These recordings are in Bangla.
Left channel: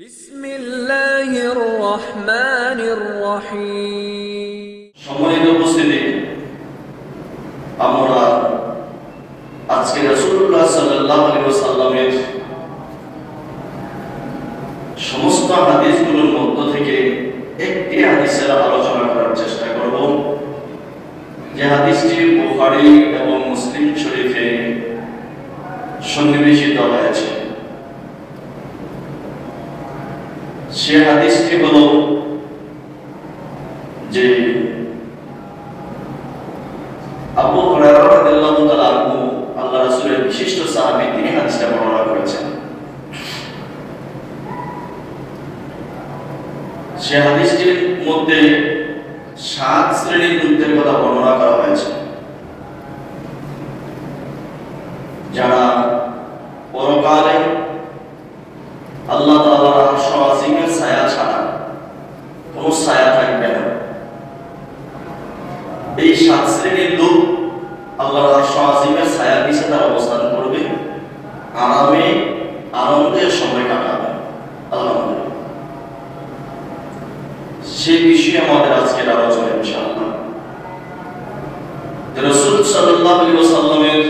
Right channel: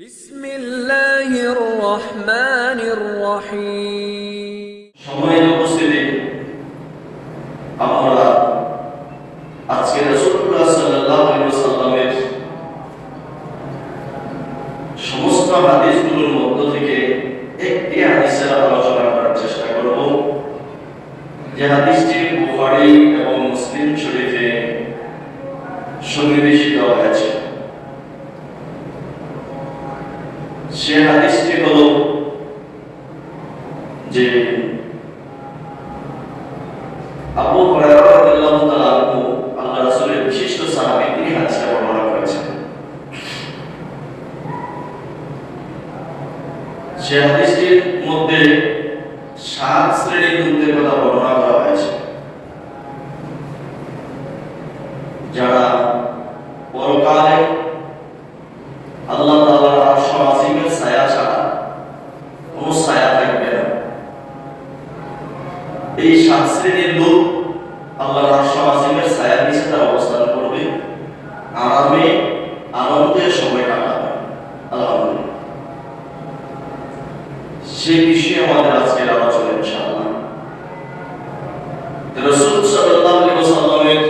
বিসমিল্লাহির রহমানির রহিম। সম্মানিত উপস্থিতি, আমরা আজকে রাসূলুল্লাহ সাল্লাল্লাহু আলাইহি ওয়াসাল্লামের সমস্ত হাদিসগুলোর মধ্য থেকে একটি হাদিসের আলোচনা করার চেষ্টা করব, যে হাদিসটি বুখারী এবং মুসলিম শরীফে সন্নিবেশিত হয়েছে। সে হাদিসটি হল যে আবু হুরায়রা রাদিয়াল্লাহু তাআলা আনহু, আল্লাহ রাসূলের বিশিষ্ট সাহাবী, তিনি হাদিসটা বর্ণনা করেছেন। সে হাদিসটির মধ্যে 7 শ্রেণীর লোকদের কথা বর্ণনা করা হয়েছে, যারা পরকালে আল্লাহ তাআলার আরশ আজিমের ছায়া ছাড়া কোনো ছায়া থাকবে না। এই 7 শ্রেণীর লোক আল্লাহর আরশ আজিমের ছায়ার নিচে তারা অবস্থান করবে, আরামে আনন্দের সময় কাটাবে। আলহামদুলিল্লাহ, সেই বিষয়ে আমাদের আজকের আলোচনা ইনশাআল্লাহ। রাসূল সাল্লাল্লাহু আলাইহি ওয়াসাল্লামের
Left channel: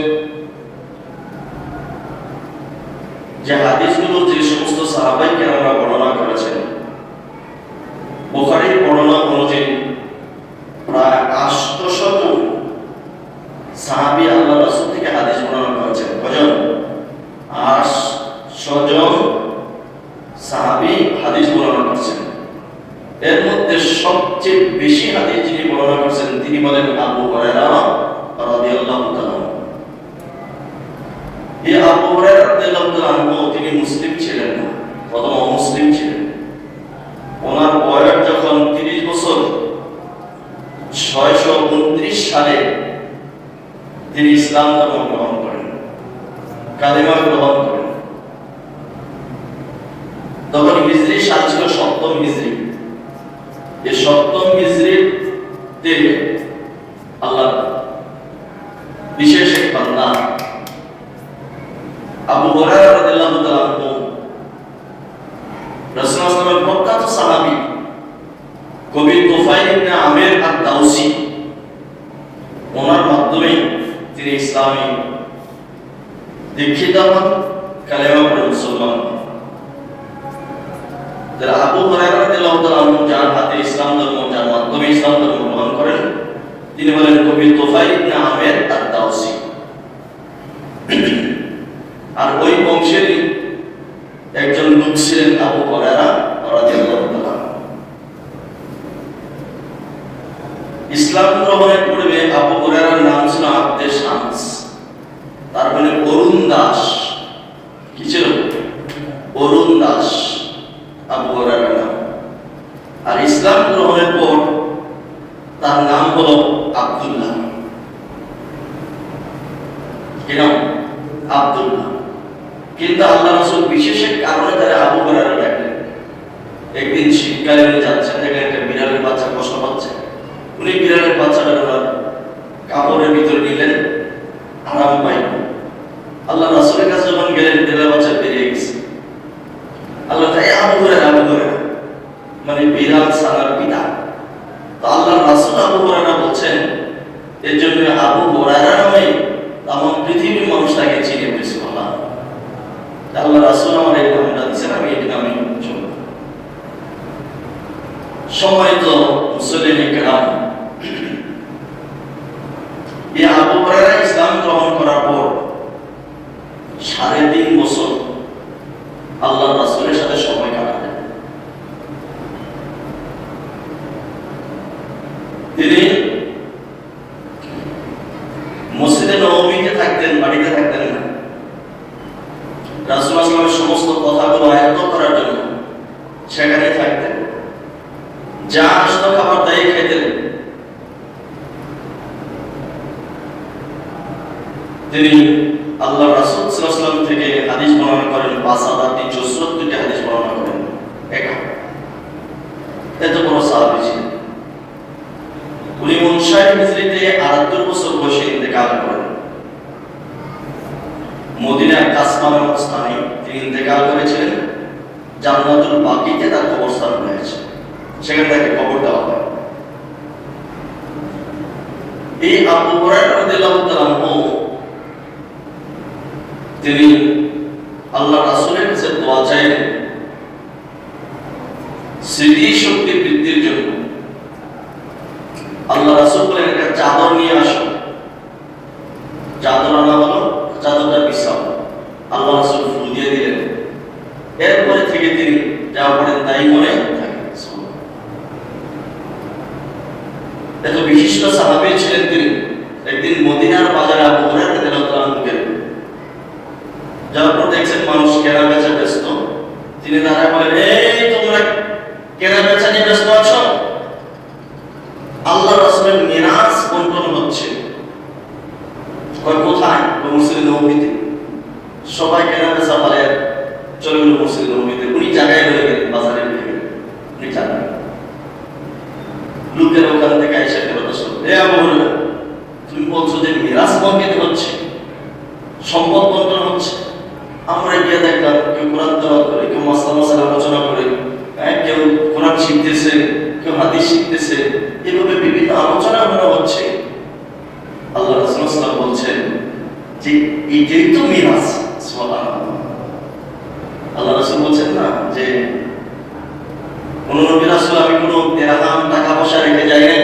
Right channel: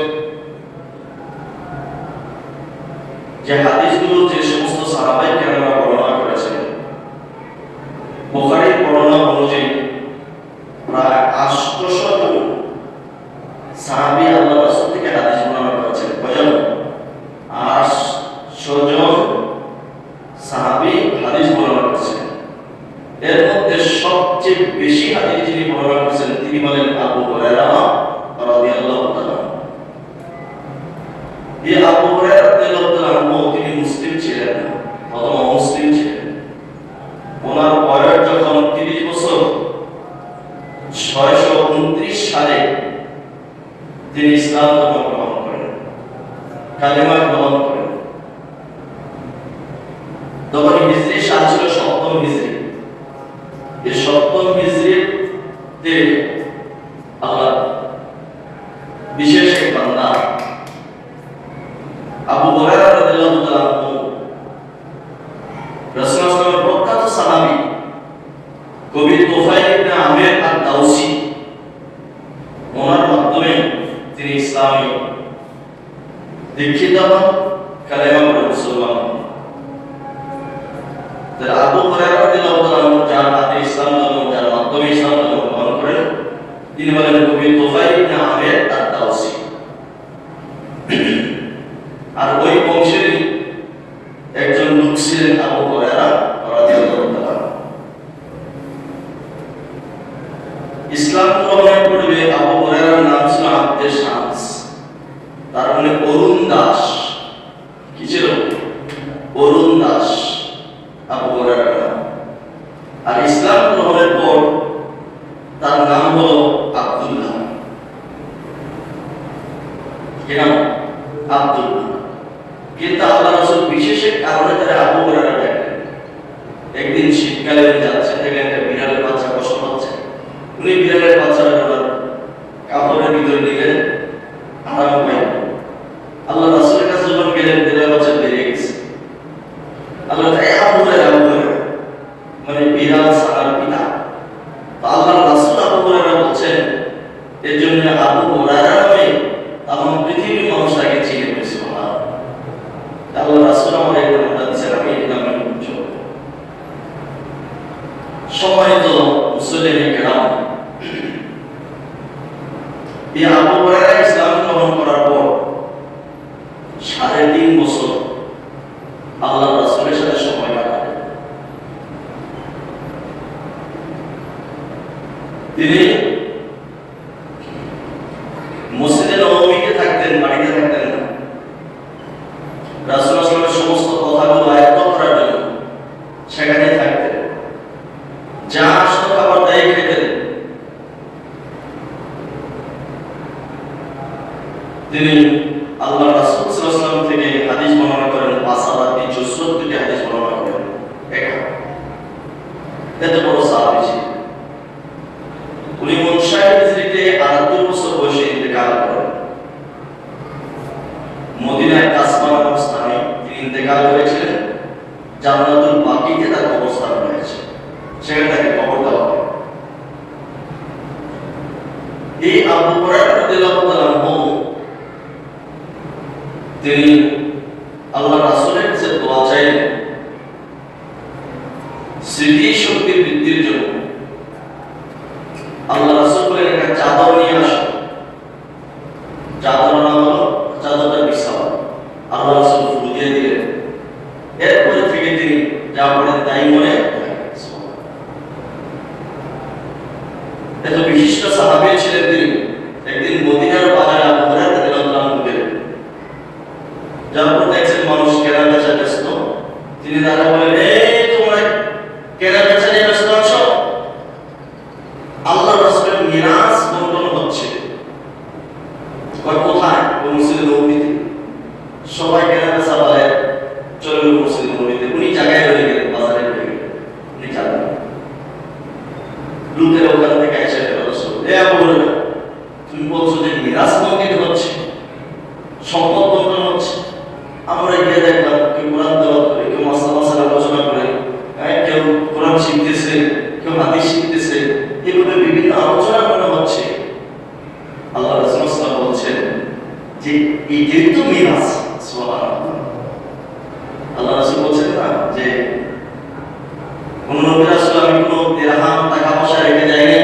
যে হাদিসগুলো যে সমস্ত সাহাবায়ে কেরামরা বর্ণনা করেছেন, বুখারীর বর্ণনা অনুযায়ী প্রায় 800 সাহাবী আল্লাহ রাসূল থেকে হাদিস বর্ণনা করেছেন। কয়জন? 800 জন সাহাবী হাদিস বর্ণনা করেছেন। এর মধ্যে সবচেয়ে বেশি হাদিস যিনি বর্ণনা করেছেন, তিনি বলেন আবু হুরায়রা রাদিয়াল্লাহু তাআলা। এই আবু হুরায়রা রাদিয়াল্লাহু তাআলা তিনি মুসলিম ছিলেন না, প্রথম অমুসলিম ছিলেন। ওনার বয়স যখন 30 বছর, 629 সালে তিনি ইসলাম ধর্ম গ্রহণ করেন, কালেমা গ্রহণ করেন। তখন হিজরি সাল ছিল 7ম হিজরি। এই 7ম হিজরিতে আল্লাহ বিশেষ এক বান্দা আবু হুরায়রা রাদিয়াল্লাহু তাআলা রাসূলুল্লাহ সাল্লাল্লাহু আলাইহি ওয়াসাল্লামের প্রখ্যাত সাহাবী কবি তুফাইল ইবনে আমির আদ-দাউসি, ওনার মাধ্যমে তিনি ইসলামে দীক্ষিত হন, কালেমা পড়ে মুসলমান হন। আবু হুরায়রা রাদিয়াল্লাহু তাআলা যার হাতে ইসলাম ধর্ম, যার মাধ্যমে ইসলাম ধর্ম গ্রহণ করেন, তিনি হলেন কবি তুফাইল ইবনে আমির আদ-দাউসি। আর ওই বংশেরই একজন লোক ছিলেন আবু হুরায়রা রাদিয়াল্লাহু তাআলা। ইসলাম গ্রহণের পূর্বে আবু হুরায়রার নাম ছিল আব্দে শামস, তার মানে অরুণ দাস। কি ছিল? অরুণ দাস আবু হুরায়রার নাম। আর ইসলাম গ্রহণের পর তার নাম হলো আব্দুল্লাহ। কি নাম? আব্দুল্লাহ। কিন্তু আল্লাহ রাসূল বিশেষ কারণে তারা আবু হুরায়রা ডাকলেন। একদিন শীতকালে উনি যাচ্ছেন, দেখেন একটা বিড়ালের বাচ্চা কষ্ট পাচ্ছে। উনি বিড়ালের বাচ্চাটা কাপড়ের ভিতরে নিলেন, আরাম পাইলেন। আল্লাহ রাসূলের কাছে যখন গেলেন, বিড়ালের বাচ্চা বেরিয়ে গেছে। আল্লাহ আবু হুরায়রা, আবু হুরায়রা মানে বিড়াল ছানার পিতা। তো আল্লাহ রাসূল আবু হুরায়রা বলছেন, এর জন্য আবু হুরায়রা নামে তামাম পৃথিবীর মানুষ তাকে চিনে পেয়েছে। আল্লাহ রাসূল আমার এই নামটা দিয়েছেন, আমি এই নামে চলব। সম্মানিত মুসলিম কেরাম, এই আবু হুরায়রা ইসলাম গ্রহণ করার পর 3.5 বছর আল্লাহ রাসূলের সাথে সময় কাটালেন। তিনি মসজিদে নববীতে থাকতেন, বাড়িতে থাকতেন না। রাসূলুল্লাহ সাল্লাল্লাহু আলাইহি ওয়াসাল্লামের সমস্ত কথাগুলো আয়ত্ত করার জন্য সেখানে থাকতেন। যা আসতো খাবার তাই খেতেন। তিনি আল্লাহ রাসূল সাল্লাল্লাহু আলাইহি ওয়াসাল্লাম থেকে হাদিস বর্ণনা করেন, 5,442টি হাদিস বর্ণনা করেন। এত বড় সাহাবী ছিলেন। উনি 59 হিজরিতে 78 বছর বয়সে ইন্তেকাল করেন। মদিনায় কাসমা নামক স্থানে তিনি ইন্তেকাল করেছিলেন। জান্নাতুল জান্নাতুল বাকিতে তার কবরস্থান হয়েছে, সেখানে তাকে কবর দেওয়া হয়। এই আবু হুরায়রা রাদিয়াল্লাহু তাআলা আনহু তিনি আল্লাহ রাসূলের কাছে দোয়া চাইলেন স্মৃতি শক্তি বৃদ্ধির জন্য। আল্লাহ রাসূল বলেন একটা চাদর নিয়ে আসো। চাদর আনা হলো, চাদরটা বিছাও। আল্লাহ রাসূল ফুল দিয়ে দিলেন। এরপরে থেকে তিনি যা বলেন তাই মনে এত বিশিষ্ট সাহাবী ছিলেন তিনি। একদিন মদিনার বাজারে আবু হুরায়রা রাদিয়াল্লাহু তাআলা আনহু গেলেন। যার পর দেখছেন মানুষ কেনা বেচা ব্যস্ত। তিনি তারা বলেন, এই তোমরা কেনা বেচা নিয়ে ব্যস্ত আছো? আল্লাহ রাসূলের মিরাজ বন্টন হচ্ছে। কোথায়? মসজিদে নববীতে। সবাই কেনা বেচা বলে চলে গেল মসজিদে নববীতে। উনি জায়গায় হয়ে গেলেন, বাজারে হয়ে গেলেন, উনি জানেন। লোকের ওখান থেকে এসে তুমি বলছো যে মিরাজ বন্টন হচ্ছে, সম্পদ বন্টন হচ্ছে। আমরা গিয়ে দেখলাম কেউ কোরআন তেলাওয়াত করে, কেউ মাসআলা আলোচনা করে, কেউ কোরআন শিখতেছে, কেউ হাদিস শিখতেছে, এভাবে বিভিন্ন আলোচনা আমরা হচ্ছে। আল্লাহ রাসূল সাল্লাল্লাহু আলাইহি ওয়াসাল্লাম বলছেন যে এটাই তো মিরাজ। সুবহানাল্লাহ। আল্লাহ রাসূল বলছেন না যে কোন নবী রাসূল আমি কোনো দিরহাম টাকা পয়সা রেখে যাই নাই,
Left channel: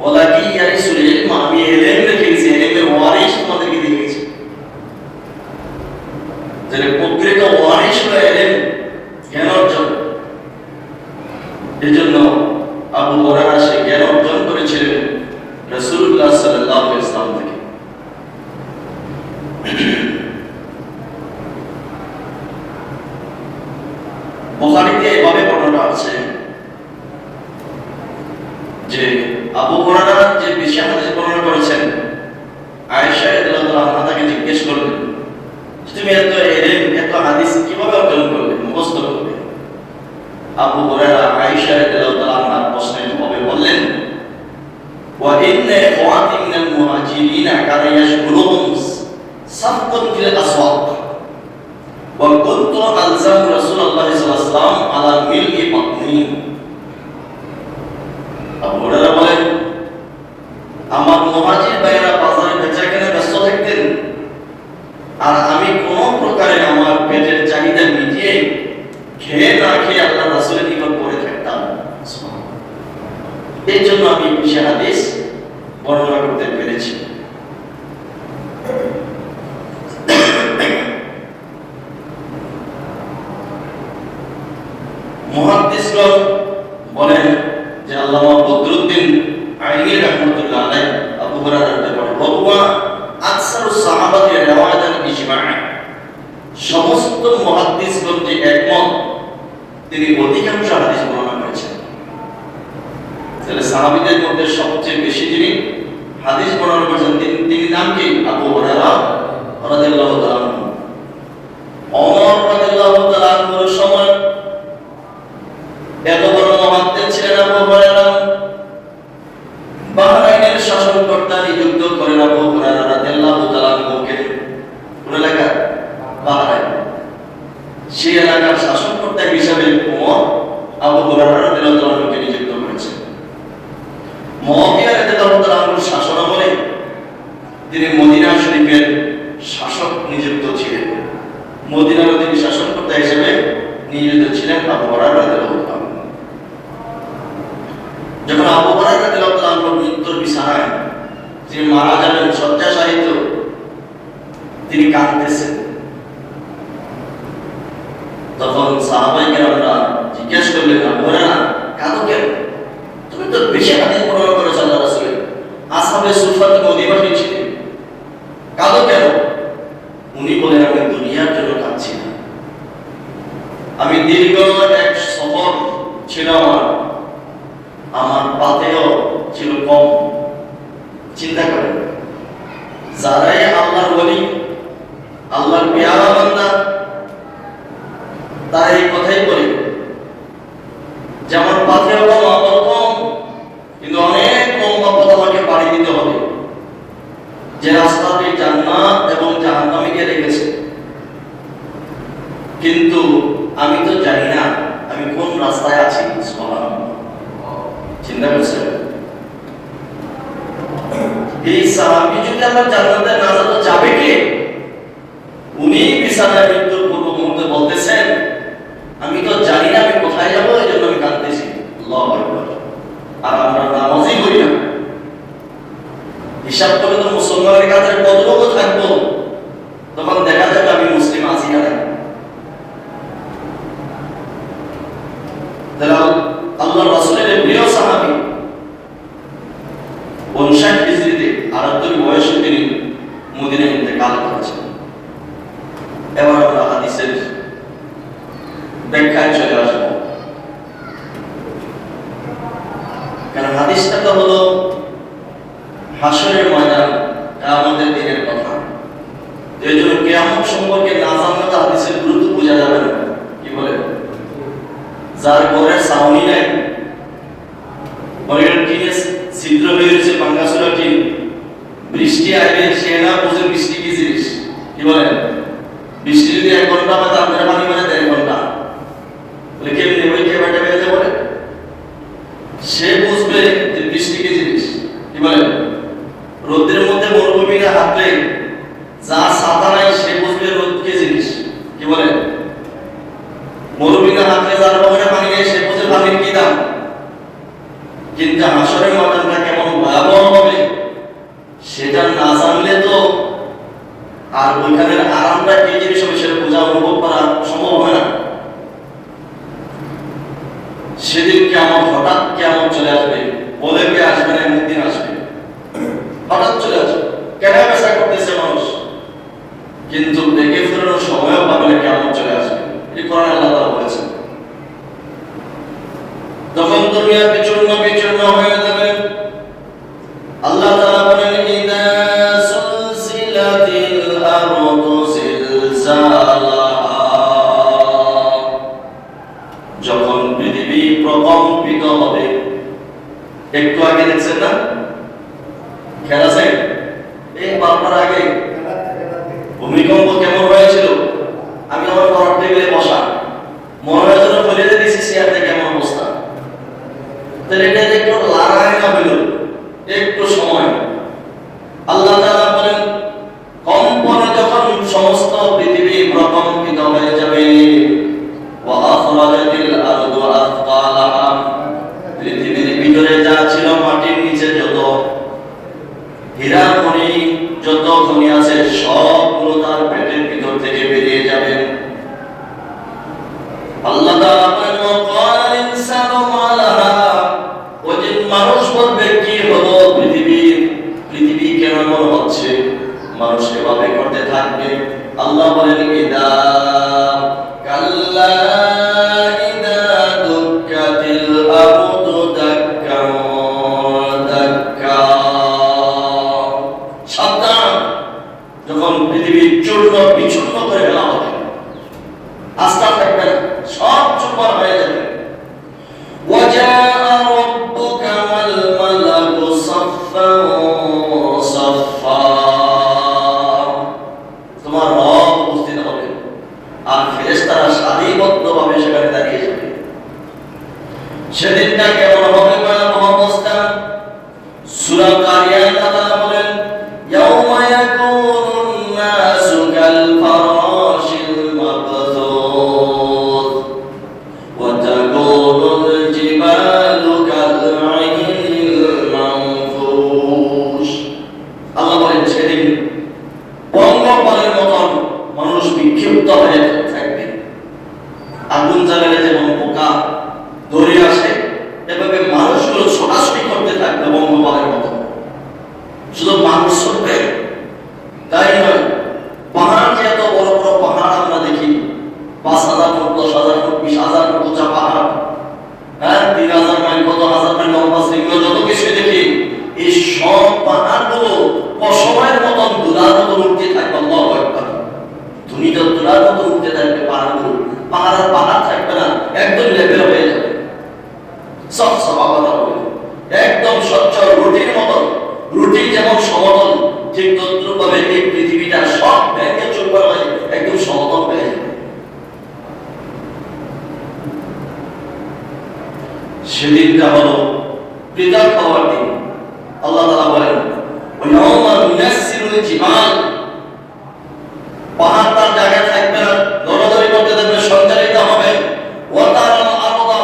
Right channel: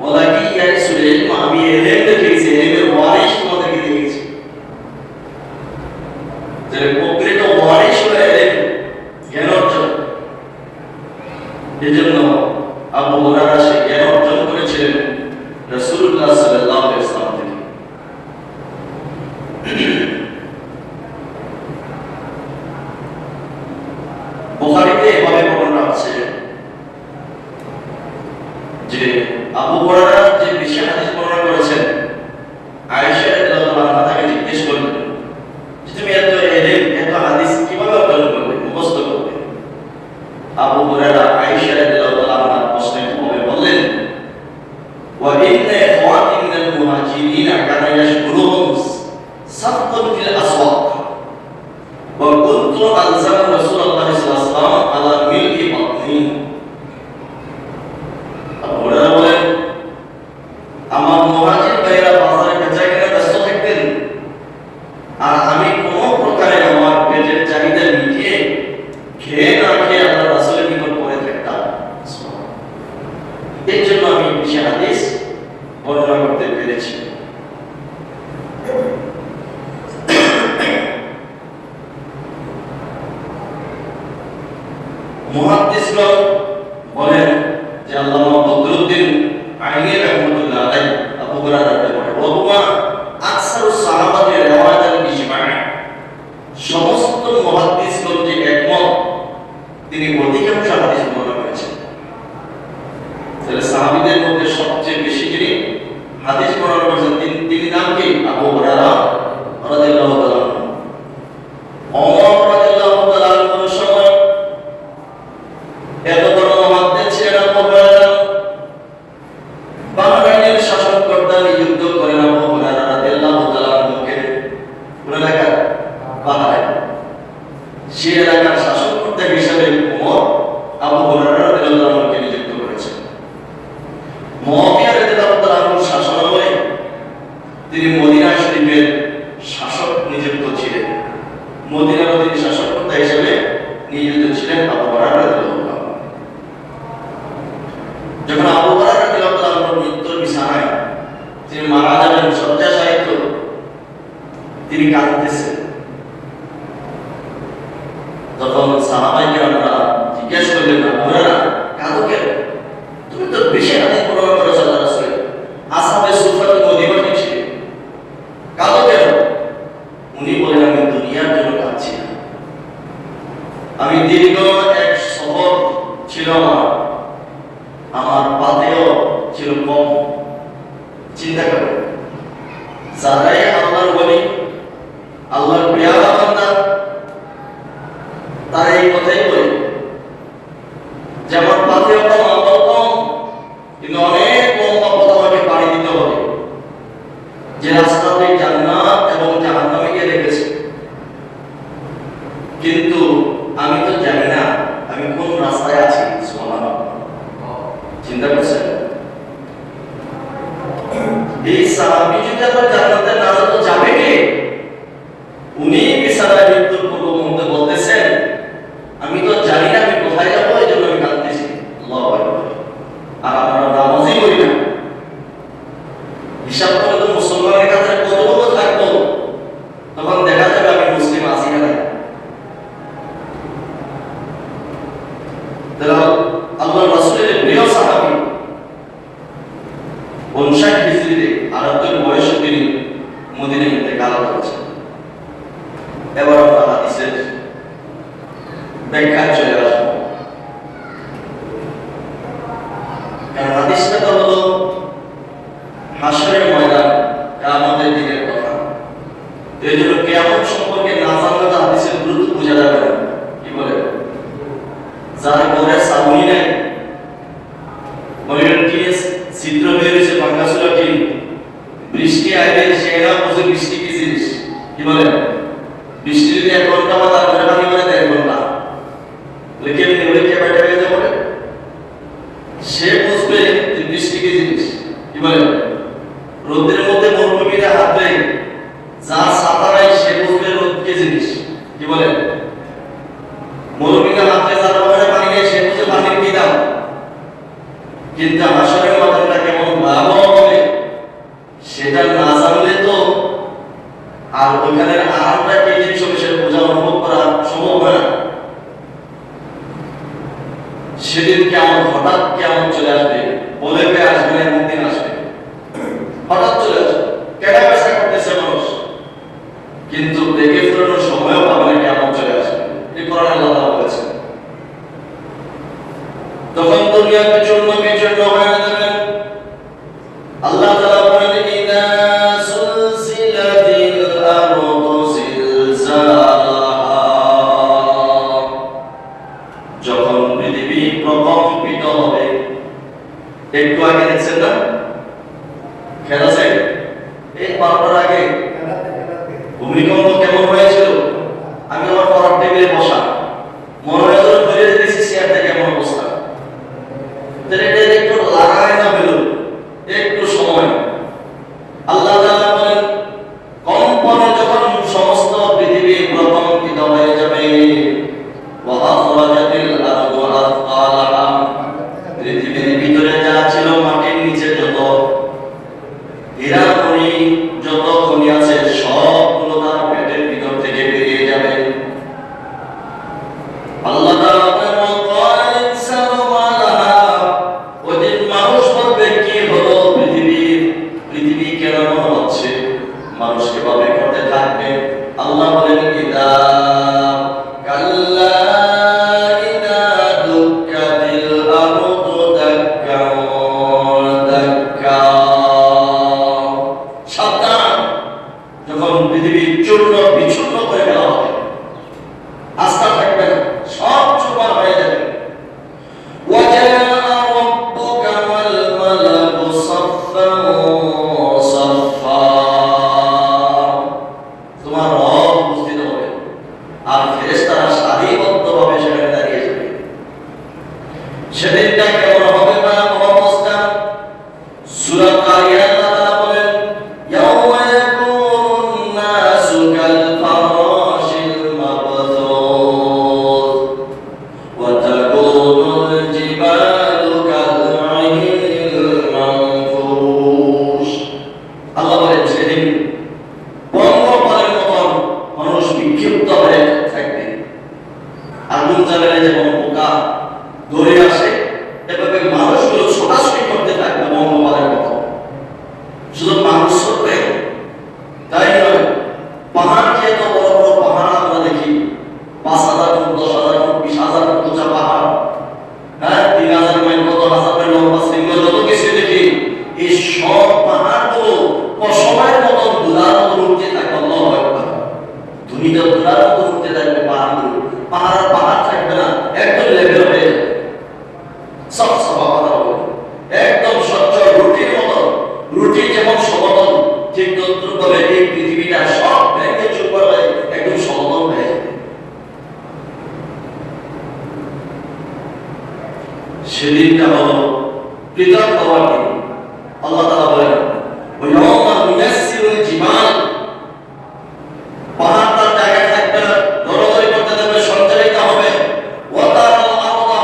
ওয়ালাকি ইয়া রাসূল আমি ইলম রেখেছি, ইলমের ওয়ারিশ তোমাদেরকে দিয়েছি। তাহলে প্রকৃত ওয়ারিশ হলো ইলম, জ্ঞান অর্জন। এজন্য আবু হুরায়রা সে জ্ঞান অর্জন করেছিলেন রাসূলুল্লাহ সাল্লাল্লাহু আলাইহি ওয়াসাল্লাম থেকে। বুখারীতে এভাবে বর্ণনা আছে যে আবু হুরায়রা যে বেশি হাদিস বর্ণনা করেছেন, আয়েশা রাদিয়াল্লাহু তাআলা তাকে জিজ্ঞেস করলেন তুমি এত ইলম এত হাদিস কিভাবে অর্জন করলে, মুখস্থ করলে? আবু হুরায়রা আয়েশা রাদিয়াল্লাহু তাআলা প্রশ্নের জবাবে বললেন, ওয়া ইন্না ইখওয়াতি মিনাল মুহাজিরিন কানা ইয়াশকুরুহুম সাফকুন ফিল আসওয়াক ওয়া কুনতু আলজাম রাসূলুল্লাহ সাল্লাল্লাহু আলাইহি ওয়াসাল্লাম আলা মিলই বাতনি। আবু হুরায়রা বলেন, আমার মুহাজির ভাইরা বাজারে বেচাকেনায় ব্যস্ত থাকতেন, আর আমি কোন প্রকারে আমার পেটের চাহিদা মিটিয়ে খেয়ে না খেয়ে আল্লাহ রাসূলের নিকট পড়ে থাকতাম। এই জন্য আমি বেশি হাদিস বর্ণনা করতে পেরেছি। মুহাদ্দিসগণ বলেন যে আল্লামা বদরুদ্দিন আইনি রাহমাতুল্লাহ আলাইহি আবু হুরায়রার ব্যাপারে রওয়া আকসারুস সাহাবাতি রিওয়ায়াতান বিজমাআ, সমস্ত মুহাদ্দিসগণ যে একমত তিনি অধিকাংশ হাদিস বর্ণনা করেছেন। তাহলে সাহাবীদের মধ্যে সবচেয়ে বেশি যিনি হাদিস বর্ণনা করেছেন তিনি নাম কি? আবু হুরায়রা রাদিয়াল্লাহু তাআলা আনহু। ওমর রাদিয়াল্লাহু তাআলা আনহুর সময় এত বড় মুহাদ্দিস ছিলেন আবু হুরায়রা। বাহরাইনের শাসনকর্তা নিযুক্ত করেন আবু হুরায়রা রাদিয়াল্লাহু তাআলা আনহুকে। কোন এলাকা? বাহরাইন। সেই এলাকার শাসনকর্তা হিসেবে ওমর আবু হুরায়রা রাদিয়াল্লাহু তাআলা আনহুকে নিযুক্ত করেছেন। মুআবিয়া রাদিয়াল্লাহু তাআলা আনহুর শাসনামলে তিনি মদিনা শরীফের শাসক নিযুক্ত ছিলেন। মদিনার তিনি শাসনকর্তা হিসেবে নিযুক্ত ছিলেন আবু হুরায়রা রাদিয়াল্লাহু তাআলা। যখন আবু হুরায়রা রাদিয়াল্লাহু তাআলা আনহুর মৃত্যুর বিছানায় তিনি মারা যাবেন, শয্যাশায়িত, তিনি কাঁদতেছেন। তখন সাহাবায়ে কেরামরা জিজ্ঞেস করলেন, আবু হুরায়রা কাঁদো কেন? তুমি তো বেশি হাদিস বর্ণনা করেছো আল্লাহর রাসূলের, আসহাবে সুফাতে মদিনায় ছিলেন, কাঁদো কেন? উনি বলেন, আমি দুনিয়ার জন্য কাঁদছি না, আমি দীর্ঘ এক সফর ছিল আমার পাতেও ছিল কম। চিন্তা করেন, যারাই আল্লাহর ওলি, আল্লাহর পেয়ারা বান্দা, তারা এই কথাই বলে যে আমার পাতেও কম, আমল কম, কিন্তু অনেক লম্বা পথ আমাকে পাড়ি দিতে হবে, যে রাস্তাতে জান্নাত এবং জাহান্নামে গিয়ে রেখেছে। কিন্তু আমি তো জানি না যারা আল্লাহর রাসূলের প্রিয় সাহাবী 59 হিজরিতে 78 বয়সে তিনি মদিনায় ইন্তেকাল করেছেন। এবার আমরা হাদিসের ব্যাখ্যায় চলে আসবো। কারণ হাদিসটা তো হলো হাসরের ময়দান, কিয়ামতের দিনের কথা। এই জন্য কিয়ামত সম্পর্কে না জানলে তো হাদিসের গুরুত্ব বোঝা যাবে না। কি বলে? যার ঘরে ছাউনি নাই, ঘরের টিনে ছিদ্র বেরিয়েছে, ভাঙাচোরা টিন, বৃষ্টি আসবে সে না বুঝে বৃষ্টি কি জিনিস। কি বলে? বৃষ্টি যদি 1 ঘন্টা বা তার ঘরে পানি মানে 1 ঘন্টা, বলে কেমনি বলে কে বেটা বেজে বলে সে বুঝবে যে বৃষ্টি কি জিনিস। কি বলে? রোদের মধ্যে মরুভূমিতে হাঁটলে যার ছাতা নাই সে বুঝবে রোদ কি জিনিস। কি বলে? মরুভূমিতে হাঁটলে যার পকেটে পানি নেই সে বুঝে পানির কি দাম। কিন্তু হাসরের ময়দানটা কেমন ভয়াবহ হবে সেটা না জানলে তো আর ওইখানের আরামটা কি জিনিস হবে সেটা বোঝা, অনুভব করা সম্ভব হয় না। সেদিন কেমন হঠাৎ কেমন চলে আসবে, বলে পেয়ে আসবে না, এমন দিন আসবে, হঠাৎ চলে আসবে। কেন পেশা করতেছে মানুষ, কিন্তু দেখে ফেরানোর সময়ও পাবে না, কেমন চলে আসবে। এই কোরআন আল্লাহ বলেছেন। তখন দুনিয়া বিচূর্ণ বিচূর্ণ হয়ে যাবে। আল্লাহ তাআলা বলেন, ইদা সুলসিলাতিল আরদু জিলজালাহা, যখন পৃথিবী প্রকম্পিত হবে। একটু আগে দেখছেন না খেলা আছে, এই 12টার আগে ভূমিকম্প কেমন হয়েছিল। আমি আমার পড়ার টেবিলে বসা, মনে হয় যেন ফেলে দিয়েছি চেয়ার থেকে, কেমন অবস্থা। তাহলে এটা একটু লাগায় না হলো একটু সময়। আল্লাহ তাআলা বলেন, কম্পনে যখন সমস্ত পৃথিবী প্রকম্পিত হয়ে যাবে, ওয়া আখরাজাতিল আরদু আথকালাহা, পৃথিবীর ভিতরে যা ছিল, মাটির নিচে যত হীরা খনি, যত খনি আছে সবগুলো তার পেটের ভিতর থেকে বেরিয়ে যাবে। আল্লাহ তাআলা বলেন, ওয়া ক্বাল ইনসানু মা লাহা, ওদিন মানুষ বলবে কি হলো পৃথিবী কেন এমন হচ্ছে, মানুষ এভাবে করতে থাকবে। আল্লাহ বলেন, ইদা কাল্লা ইদা দুক্কাতিল আরদু দাক্কা দাক্কা, সাবধান, যখন পৃথিবী চূর্ণ বিচূর্ণ করে দেওয়া হবে, আস্থা থাকবে না, সব চুরমার হয়ে যাবে। ওয়াজাআ রাব্বুকা ওয়াল মালাকু সাফফান সাফফা, তোমার রব উপস্থিত হবে আর ফেরেশতারা সারিবদ্ধভাবে সেখানে দাঁড়িয়ে যাবে। সেদিনটা কেমন হবে ভয়াবহ অবস্থা। সূরা কারিয়াত আল্লাহ বলেন, ইয়াউমা ইয়াকুনুন নাসু কাল ফারাশিল মাবথুস ওয়া তাকুনুল জিবালু কাল আইনিল মানফুশ। আল্লাহ বলেন, সেদিন পঙ্গপালের মতন মানুষ বিক্ষিপ্ত হয়ে থাকবে। আগুন জ্বালালে যেমন পোকা দৌড়ে আসে, এভাবে মানুষগুলো ছোটাছুটি করতে থাকবে পঙ্গপালের মতো। শুধু মানুষ ছুটবে তাই নয়, পাহাড় যে এত বড় বড় পাহাড় আমরা দেখি, 5,000 ফুট, 10,000 ফুট, 20,000 ফুট উঁচা পাহাড়, 3,000 মাইল, কত হাজার মাইল লম্বা শৃঙ্গ, যত কিছু দেখি, এই সব পাহাড়গুলো পশমের মতন দুলার মতো উঠতে থাকবে। আল্লাহু আকবার। দুনিয়া দুলার মতো উঠতে থাকবে পাহাড়গুলো, পাহাড় আর পাহাড় থাকবে না, একদম লেভেল হয়ে যাবে, সব সমাবাদ হবে, একদম সচ্ছল রুটির মতো। রুটি যেমন সমতল, ঠিক তদ্রূপভাবে এই পৃথিবীটা সব ভেঙে চুরমার হয়ে একদম সমতল হয়ে যাবে। সেদিনটা হলো পৃথক হওয়ার দিন। আল্লাহ তাআলা বলেন, ওয়ায়াউমা নুয়াসসিরুল জিবাল, পাহাড় তার জায়গায় থাকবে না, দৌড়াদৌড়ি করতে থাকবে, সঞ্চারিত হবে। ওয়া তারাল আরদা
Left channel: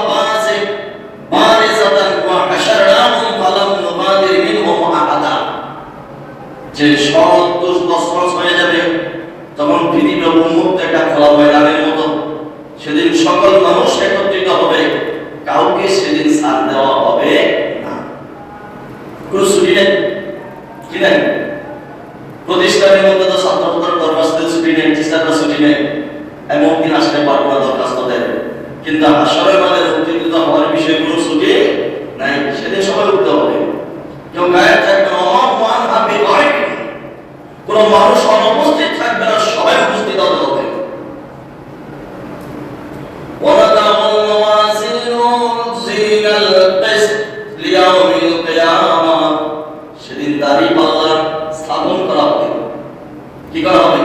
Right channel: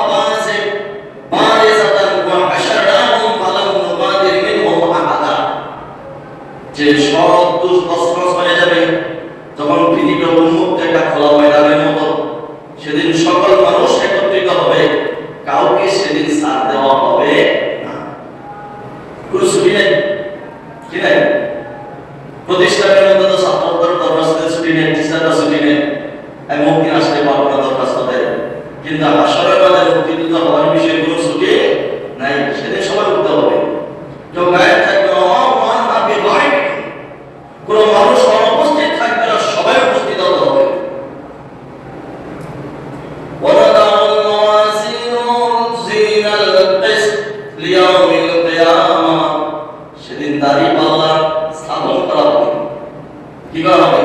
বারিজাতান ওয়া হাশারনাহুম ফালাম নুবাদির মিনহুম আহাদা, যে সব তছনছ হয়ে যাবে, তখন পৃথিবী উন্মুক্ত একটা খোলা ময়দানের মতো। সেদিন সকল মানুষ একত্রিত হবে, হাসরের মাঠে উত্তীর্ণ হওয়ার বিষয়ে কোনো ছুটি নাই। সেদিন সবাই উঠতে হবে, কেউ গায়ে থাকবে না, মান হাতে গায়ে কোনো মানুষ অনুপস্থিত থাকবে না, সবাই উপস্থিত হতে হবে। وَنَضَعُ الْمَوَازِينَ الْقِسْطَ لِيَوْمِ الْقِيَامَةِ সেদিন দাঁড়িপাল্লা স্থাপন করা হবে। কি করা হবে?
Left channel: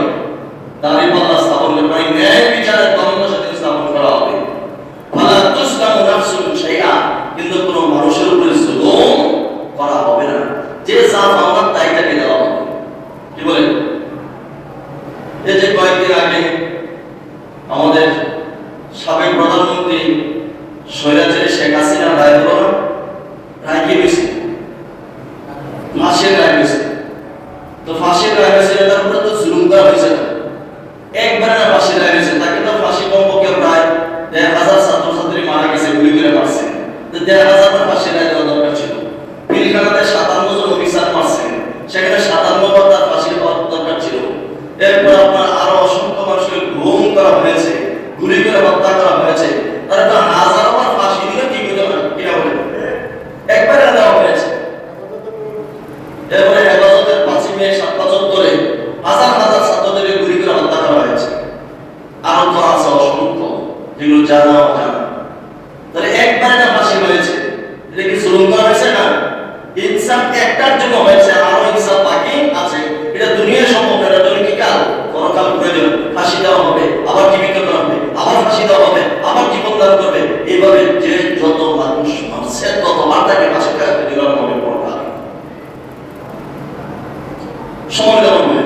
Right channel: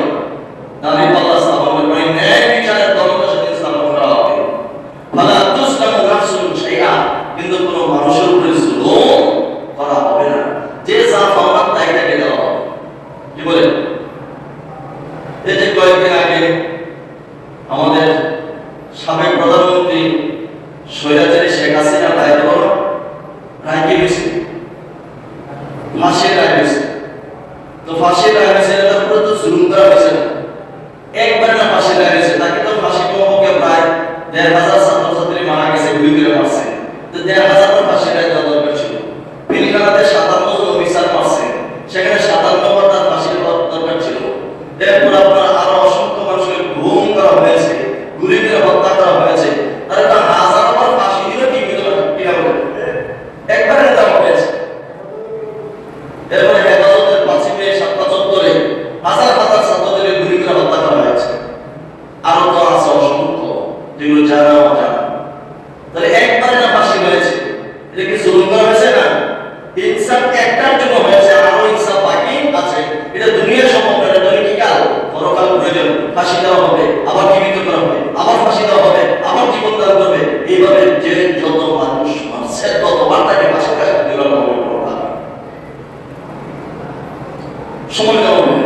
দাঁড়িপাল্লা স্থাপন করে মানে ন্যায় বিচারের দলটা সেদিন স্থাপন করা হবে। ফালা তুসলামু নাফসুন শাইআ, কিন্তু কোনো মানুষের উপরে জুলুম করা হবে না, যে যা পাওনা তাই তাকে দেওয়া হবে। কি বলে? এই যে কয়েকদিন আগে আমাদের সাবেক প্রধানমন্ত্রী স্বৈরাচারী শেখ হাসিনা রায় হলো, রায় কি হয়েছে? ফাঁসির রায় হয়েছে। তো ফাঁসির রায় হয়েছে, তারপরে তো জুলুম করা হয়েছে না, একবার না ফাঁসির রায় হয়েছে, তাকে তো ফাঁসি কমপক্ষে প্রায় ১,৫০০ ছাত্রছাত্রী মারা গেছে, গুলি করে মারছে, তো ১,৫০০ ফাঁসির রায় দেওয়া দরকার ছিল। পিলখানাতে ৫৭ জন অফিসার মারছে, সেখানে ৫৭ বার তার ফাঁসি দেওয়া দরকার ছিল। এরপর আপনার আরো অসংখ্য মানুষকে গুম করা হয়েছে, গুলি করে হত্যা করা হয়েছে, তারা তো হাজার বার ফাঁসি দিল, কি হলো না? কিনা বলে একবারে দেওয়া হয়েছে। এরপরে হেফাজতের ৫ মে ৭টা চত্বরে হাজার হাজার ছাত্রদেরকে গুলি করে হত্যা করা হয়েছে। আরো তো আছে অসংখ্য, যেগুলো জানা অজানা। তাহলে একবারে না ফাঁসি হয়েছে, এটা কি জুলুম করা হয়েছে না? ইনসাফ একটার জন্য হয়েছে, আরো ইনসাফ বাকি আছে। এটা দুনিয়ার সম্ভব না, এটা দৈনিকাল পরকাল প্রয়োজন। ফাঁসি দেওয়া হবে, আবার জীবিত করা হবে, আবার ফাঁসি দেওয়া হবে, আবার জীবন দান করবে। এইভাবে যে যত মানুষ মারছে ততবার তাকে ফাঁসি দেওয়া হবে। পরকাল সময় দেওয়া হবে।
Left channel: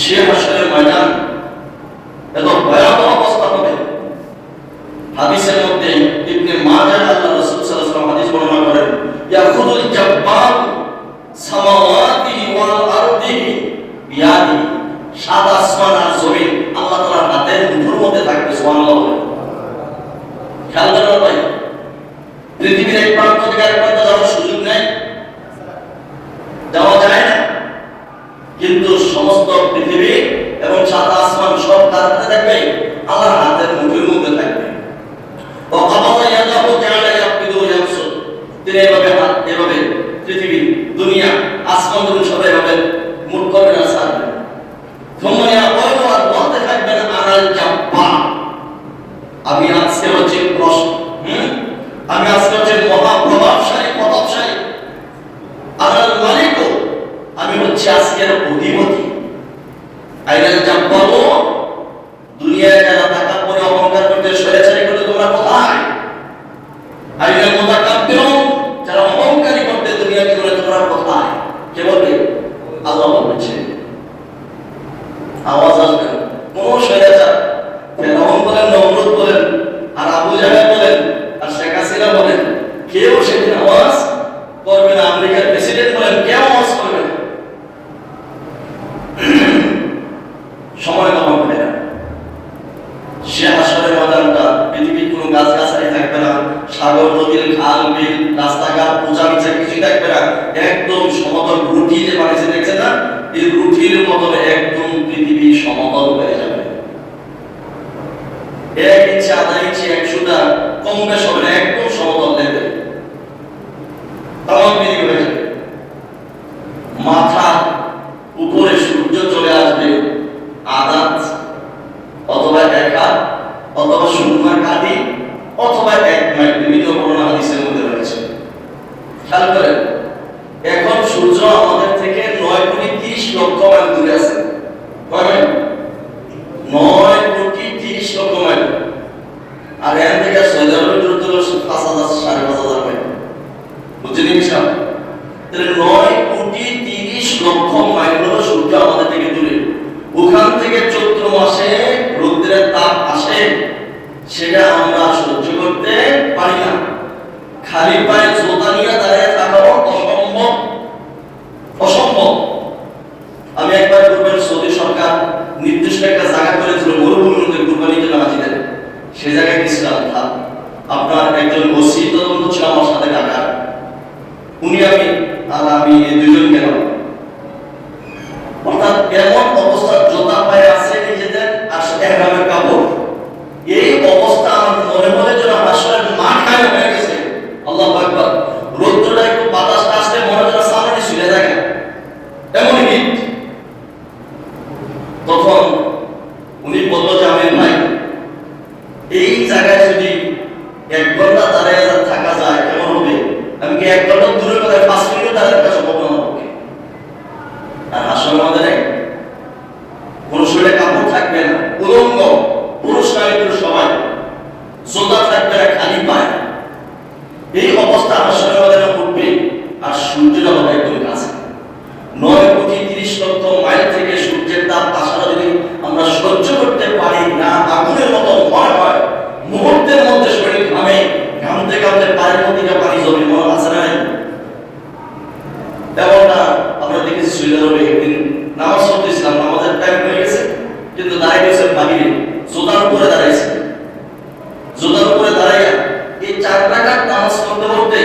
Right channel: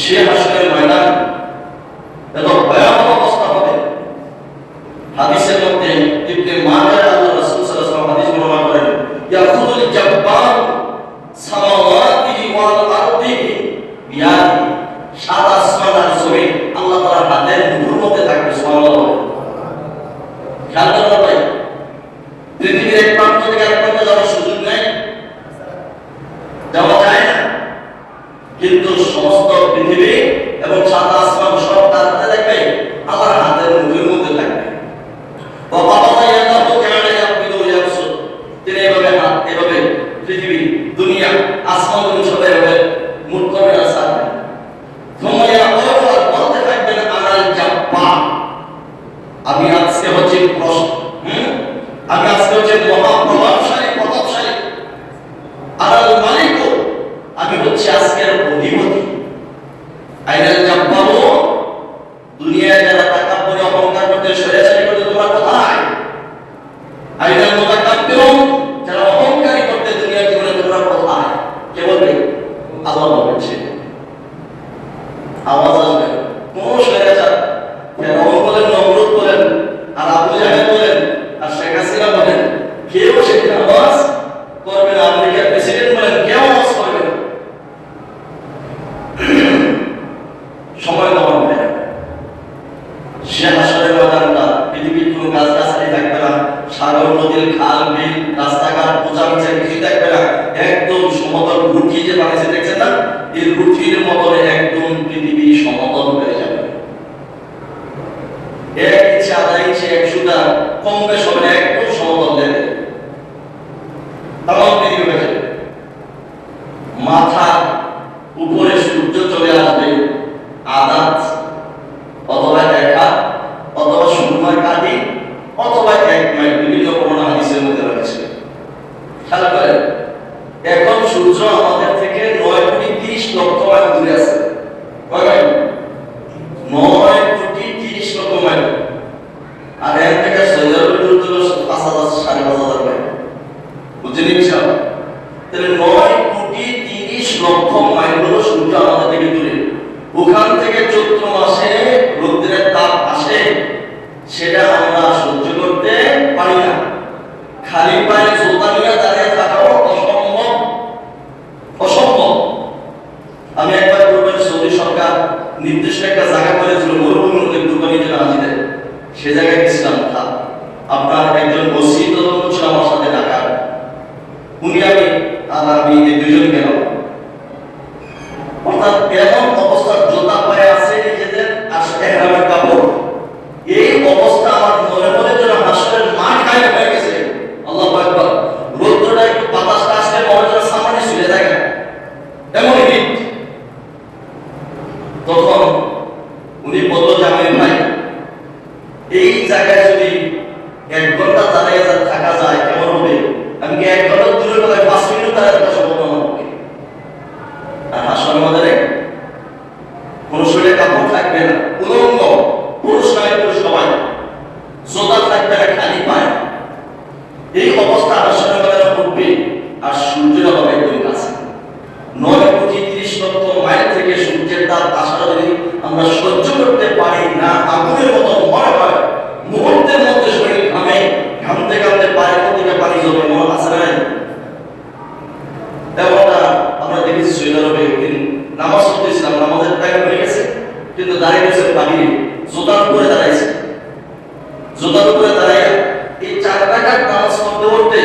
সে হাসরের ময়দান এত ভয়াবহ অবস্থা হবে। হাদিসের মধ্যে ইবনে মাজাহ আল্লাহ রাসূল সাল্লাল্লাহু আলাইহি ওয়াসাল্লাম হাদিস বর্ণনা করেন, ইয়াখুদুল জাব্বার সামাওয়াতি ওয়াল আরদি বিয়াদি, সাত আসমান আর জমিন আল্লাহ তাআলার হাতের মুঠোর মধ্যে থাকবে। সুবহানাল্লাহ। খেয়াল করেন ভাই, পৃথিবীর এক প্রান্ত থেকে আরেক প্রান্তে যাওয়ার সুযোগ নেই, যাওয়া যায় না, কিন্তু সমস্ত পৃথিবী এবং সাত আসমান সব তার হাতে থাকবে, আল্লাহর হাতের মুঠির মধ্যে থাকবে। তিনি এভাবে হাত, এভাবে পৃথিবী, দুনিয়া, আসমান সব এভাবে মুঠ করবেন আর ছাড়বেন। বলতে থাকবেন, আনাল জাব্বার, আমি আজকে হচ্ছে আমি আজকে হচ্ছে মহাপ্রতাপশালী, প্রতাপশালী। আনাল মালিক, আমি হচ্ছে আজকের অধিপতি। আইনাল জাব্বার, দুনিয়ায় যারা তাকাব্বুরে অহংকার করতে স্বৈরাচারী করতে তোমরা কোথায়? আইনাল মুতাকাব্বির, যারা অহংকারী করতে দুনিয়া জীবনে তোমরা কোথায়? কে বলবে? আল্লাহ বলছেন। আওয়াজ আসবে, কোন স্বৈরাচার, ফেরাউন বলেন, নমরুদ বলেন, আর আবু জাহেল বলেন, আর শেখ হাসিনা বলেন, কেউ সেখানে আওয়াজ করবে না। আমেরিকার প্রেসিডেন্ট বলেন, কেউ আওয়াজ করবে না। সময় কম হবে না। সে হাসরের ময়দানটা পৃথিবীর কোনো গাছগাছালি থাকবে না, সাগর নদীর খাল বিল রাস্তাঘাট পূজা বিচার কিছুই থাকবে না। একদম সমতল রুটি যে বানিয়েছে দেখছেন না, এই রুটির বদলে একদম পৃথিবী সমতল হয়ে যাবে। 1 ইঞ্চি, আধা ইঞ্চি, 1 সুতা কম বেশ হবে না, একদম সমতল হয়ে যাবে। তামাম পৃথিবী হয়ে যাবে। মাথা উপরে সূর্য চলে আসবে আদাত অথবা 1 হাত অথবা সুরমার কাঠি অথবা 1 মাইল, বিভিন্ন বর্ণনা হাদিসের মধ্যে রয়েছে। খেয়াল করেন, এখন সূর্য আমাদের থেকে 9,30,00,000 মাইল দূরে আছে। কয় মাইল? 9,30,00,000 মাইল। আর এখান থেকে সৌদি আরবের দূরত্ব হলো 5,000, 5,500 মাইল। বুঝতে নিচ্ছেন? তাহলে 9,30,00,000 মাইল হলো সূর্য আমাদের থেকে দূরে। ওখান থেকে চৈত্র মাসে রোদ্রের তাপ আসে, সেটা আমরা সহ্য করতে পারি না। খালি পায়ে জোতা নিয়ে দাঁড়িয়ে থাকাও অসম্ভব, অসম্ভব। আমি একবার পূর্বের সৌদি সরকার নির্দিষ্ট একটা জায়গা করেছিল, মরুভূমির মধ্যে কুরবানি জন্য হাজিদের, সে জায়গায় গেছিলাম। আপনার একজন ওসি তদন্ত ছিল আমার সাথে ঢাকা, উনি আমি এই দুজন গেলাম। অর্থাৎ এমন অবস্থা, জোতা পায়ে আছে নিজেদের আর এহরামের কাপড়, এই জায়গায় যদি 1 ঘন্টা দাঁড়িয়ে থাকা যায় কেমন হবে? আমি কি 1 ঘন্টা দূরে কোথায় 5 মিনিট দাঁড়িয়ে থাকা সম্ভব না হবে? আর হাসপাতালের মধ্যে কোন শরীরে কাপড় থাকবে না, উলঙ্গ, পুরুষ নারী সবাই, জোতা থাকবে না, খালি পায়। এই অবস্থা হাসপাতালের মধ্যে উঠবে, আর সূর্যের হবে একদম কাছে। 9,30,00,000 মাইল থেকে সূর্যের তাপ আসাটা যদি আমরা সহ্য করতে পারি না, আগুনের মতো ভয় হয়, মুহূর্তের মধ্যে শরীর ঘামে, ঘামতে ঘামতে পায়ের মধ্যে পানি জমে, মন আছে না? তেমনটা আমরা দেখেছি সৌদি আরবে। একদিন নামাজ পড়তেছিলাম, নামাজের টাইম হয়ে গেছে, কিন্তু দাঁড়িয়ে গেছে বাহিরে, জুতার উপরে দাঁড়াইছে। জুতার উপরে দাঁড়াইয়া এই 4 রাকাত নামাজ পড়তে পড়তে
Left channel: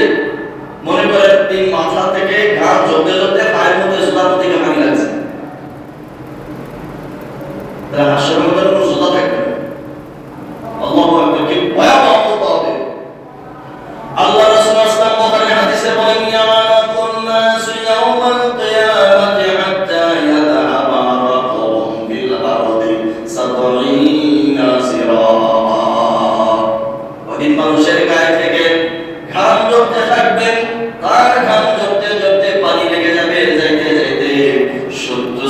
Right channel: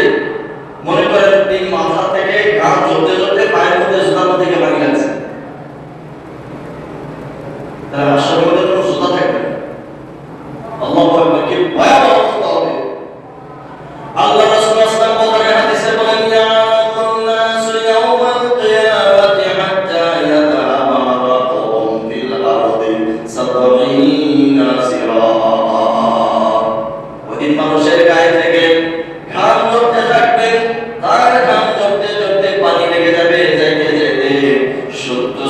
মনে করেন তিন মাথা থেকে ঘাম ঝরতে ঝরতে পায়ের মধ্যে জুতার মধ্যে গিয়ে পানি লাগছে। তারা হাসপাতালের কোনো জুতা থাকবে না। আল্লাহু আকবার, কি ভয়াবহ অবস্থা হবে। আল্লাহ রাসূল সাল্লাল্লাহু আলাইহি ওয়াসাল্লাম হাদিসে বলেন, ইয়াকুন নাস ইয়াওমাল কিয়ামাতি হাত্তা ইয়াযহাবা রাকাবুম ফিল আরদি 70 সিরাআ। ওদিন মানুষের গায়ে থেকে ঘাম ঝরতে থাকবে, তার ঘাম ঝরতে ঝরতে পানি লেগে যাবে, যাইতে যাইতে 70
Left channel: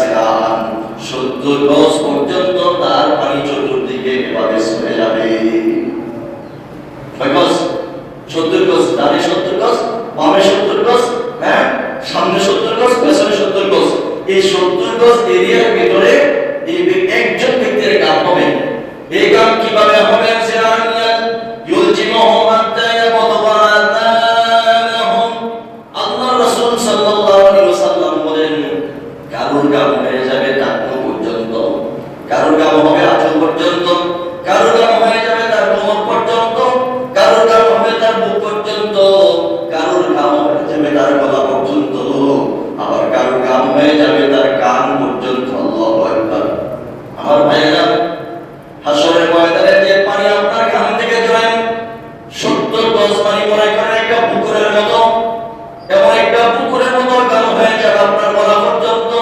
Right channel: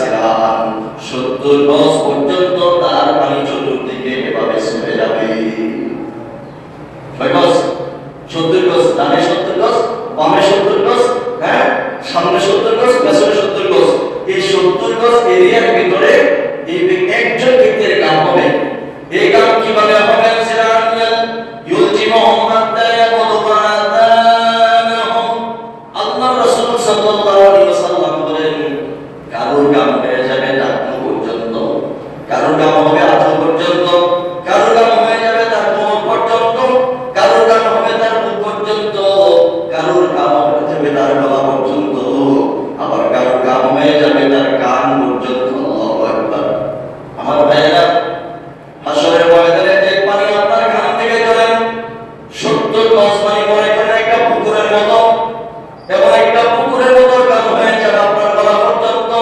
সিরাআন, 70 গজ পর্যন্ত তার পানি চতুর্দিকে এভাবে ছড়ে যাবে। 70 গজ, ডানে 70 গজ, বামে 70 গজ, হ্যাঁ, সামনে 70 গজ, পেছনে 70 গজ। এই 70 গজ এরিয়ার ভিতরে এই একজন ব্যক্তির গান হবে। এই গান কিভাবে হবে? আল্লাহ রাসূল সাল্লাল্লাহু আলাইহি ওয়াসাল্লাম বলেন, কারোর গান হয়ে যাবে টাকনু পর্যন্ত, কারোর গান হবে আঁচল পর্যন্ত, কারোর গান হয়ে যাবে তার কোমর পর্যন্ত, কারোর গান হবে তার বুক পর্যন্ত, কারোর গান হয়ে যাবে তার গলা পর্যন্ত, আবার কারোর গান হয়ে যাবে তার কান পর্যন্ত। আল্লাহু আকবার। আমার ভাইয়েরা, হাসরের ময়দানে যে পানি আপনার কান থেকে ধরেন 70 গজ পানি মনে করেন একটা পুকুরের মতো, এবং একটা পুকুরের মতো গান হয়ে যাবে আপনার গলা পর্যন্ত।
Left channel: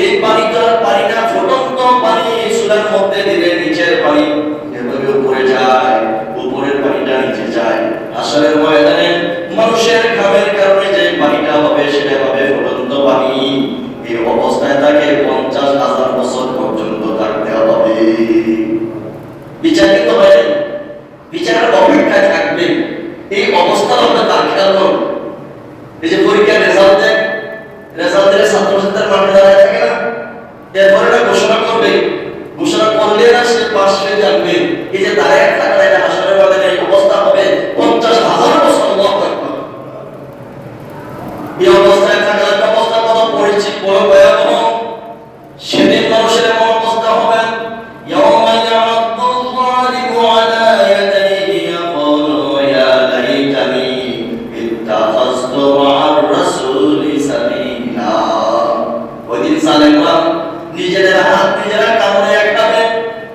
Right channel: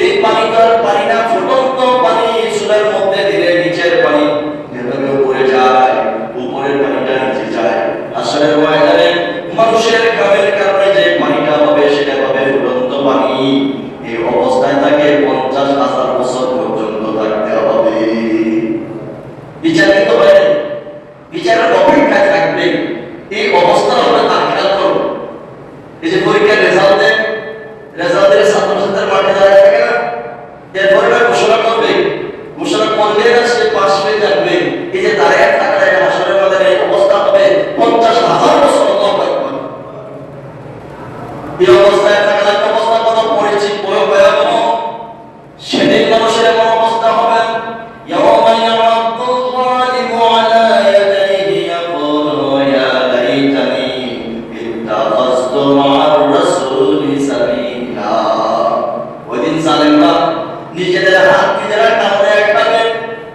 এই পানিটা পানি না, ফুটন্ত পানি, চুলার মধ্যে দিলে নিচের পানি যেভাবে উপরে যায়, উপরের পানিটা নিচে যায়। হাসরের ময়দানে মানুষের ঘামের কারণে যে পানিটা হবে সেটা হবে ফুটন্ত পানি। এই অবস্থায় তাকে 50,000 বছর পর্যন্ত থাকতে হবে। বিচারিত হয়, বিচারের অপেক্ষায় থাকবে। এই অবস্থা হবে তার খেয়াল করুন। এই যে পরীক্ষার রেজাল্ট দেয়, রেজাল্ট দিলে ছাত্রছাত্রীরা মাঠে দাঁড়িয়ে থাকে না, এরপরে না ঘোষণা করবে, ঘোষণা করলে না সে পাশ হয়ে যাবে। এই যে দাঁড়িয়ে থাকার একটা হাসরের ময়দানে অবস্থা হবে 50,000 বছর। আল্লাহু আকবার। এই অবস্থায় থাকার একটা অবস্থা কত পরিচিত, বড় ভয়াবহ। সেদিন মানুষের এমন অবস্থা হবে, ইয়াওমা ইয়ামাদুল যালিমু আলা ইয়াদাইহি ইয়াকুলু ইয়া লাইতানি ইত্তাখাযতু মা'আর রাসূলি সাবিলা। ওইদিন জালেমরা নিজেদের হাত নিজেরা কামড়ে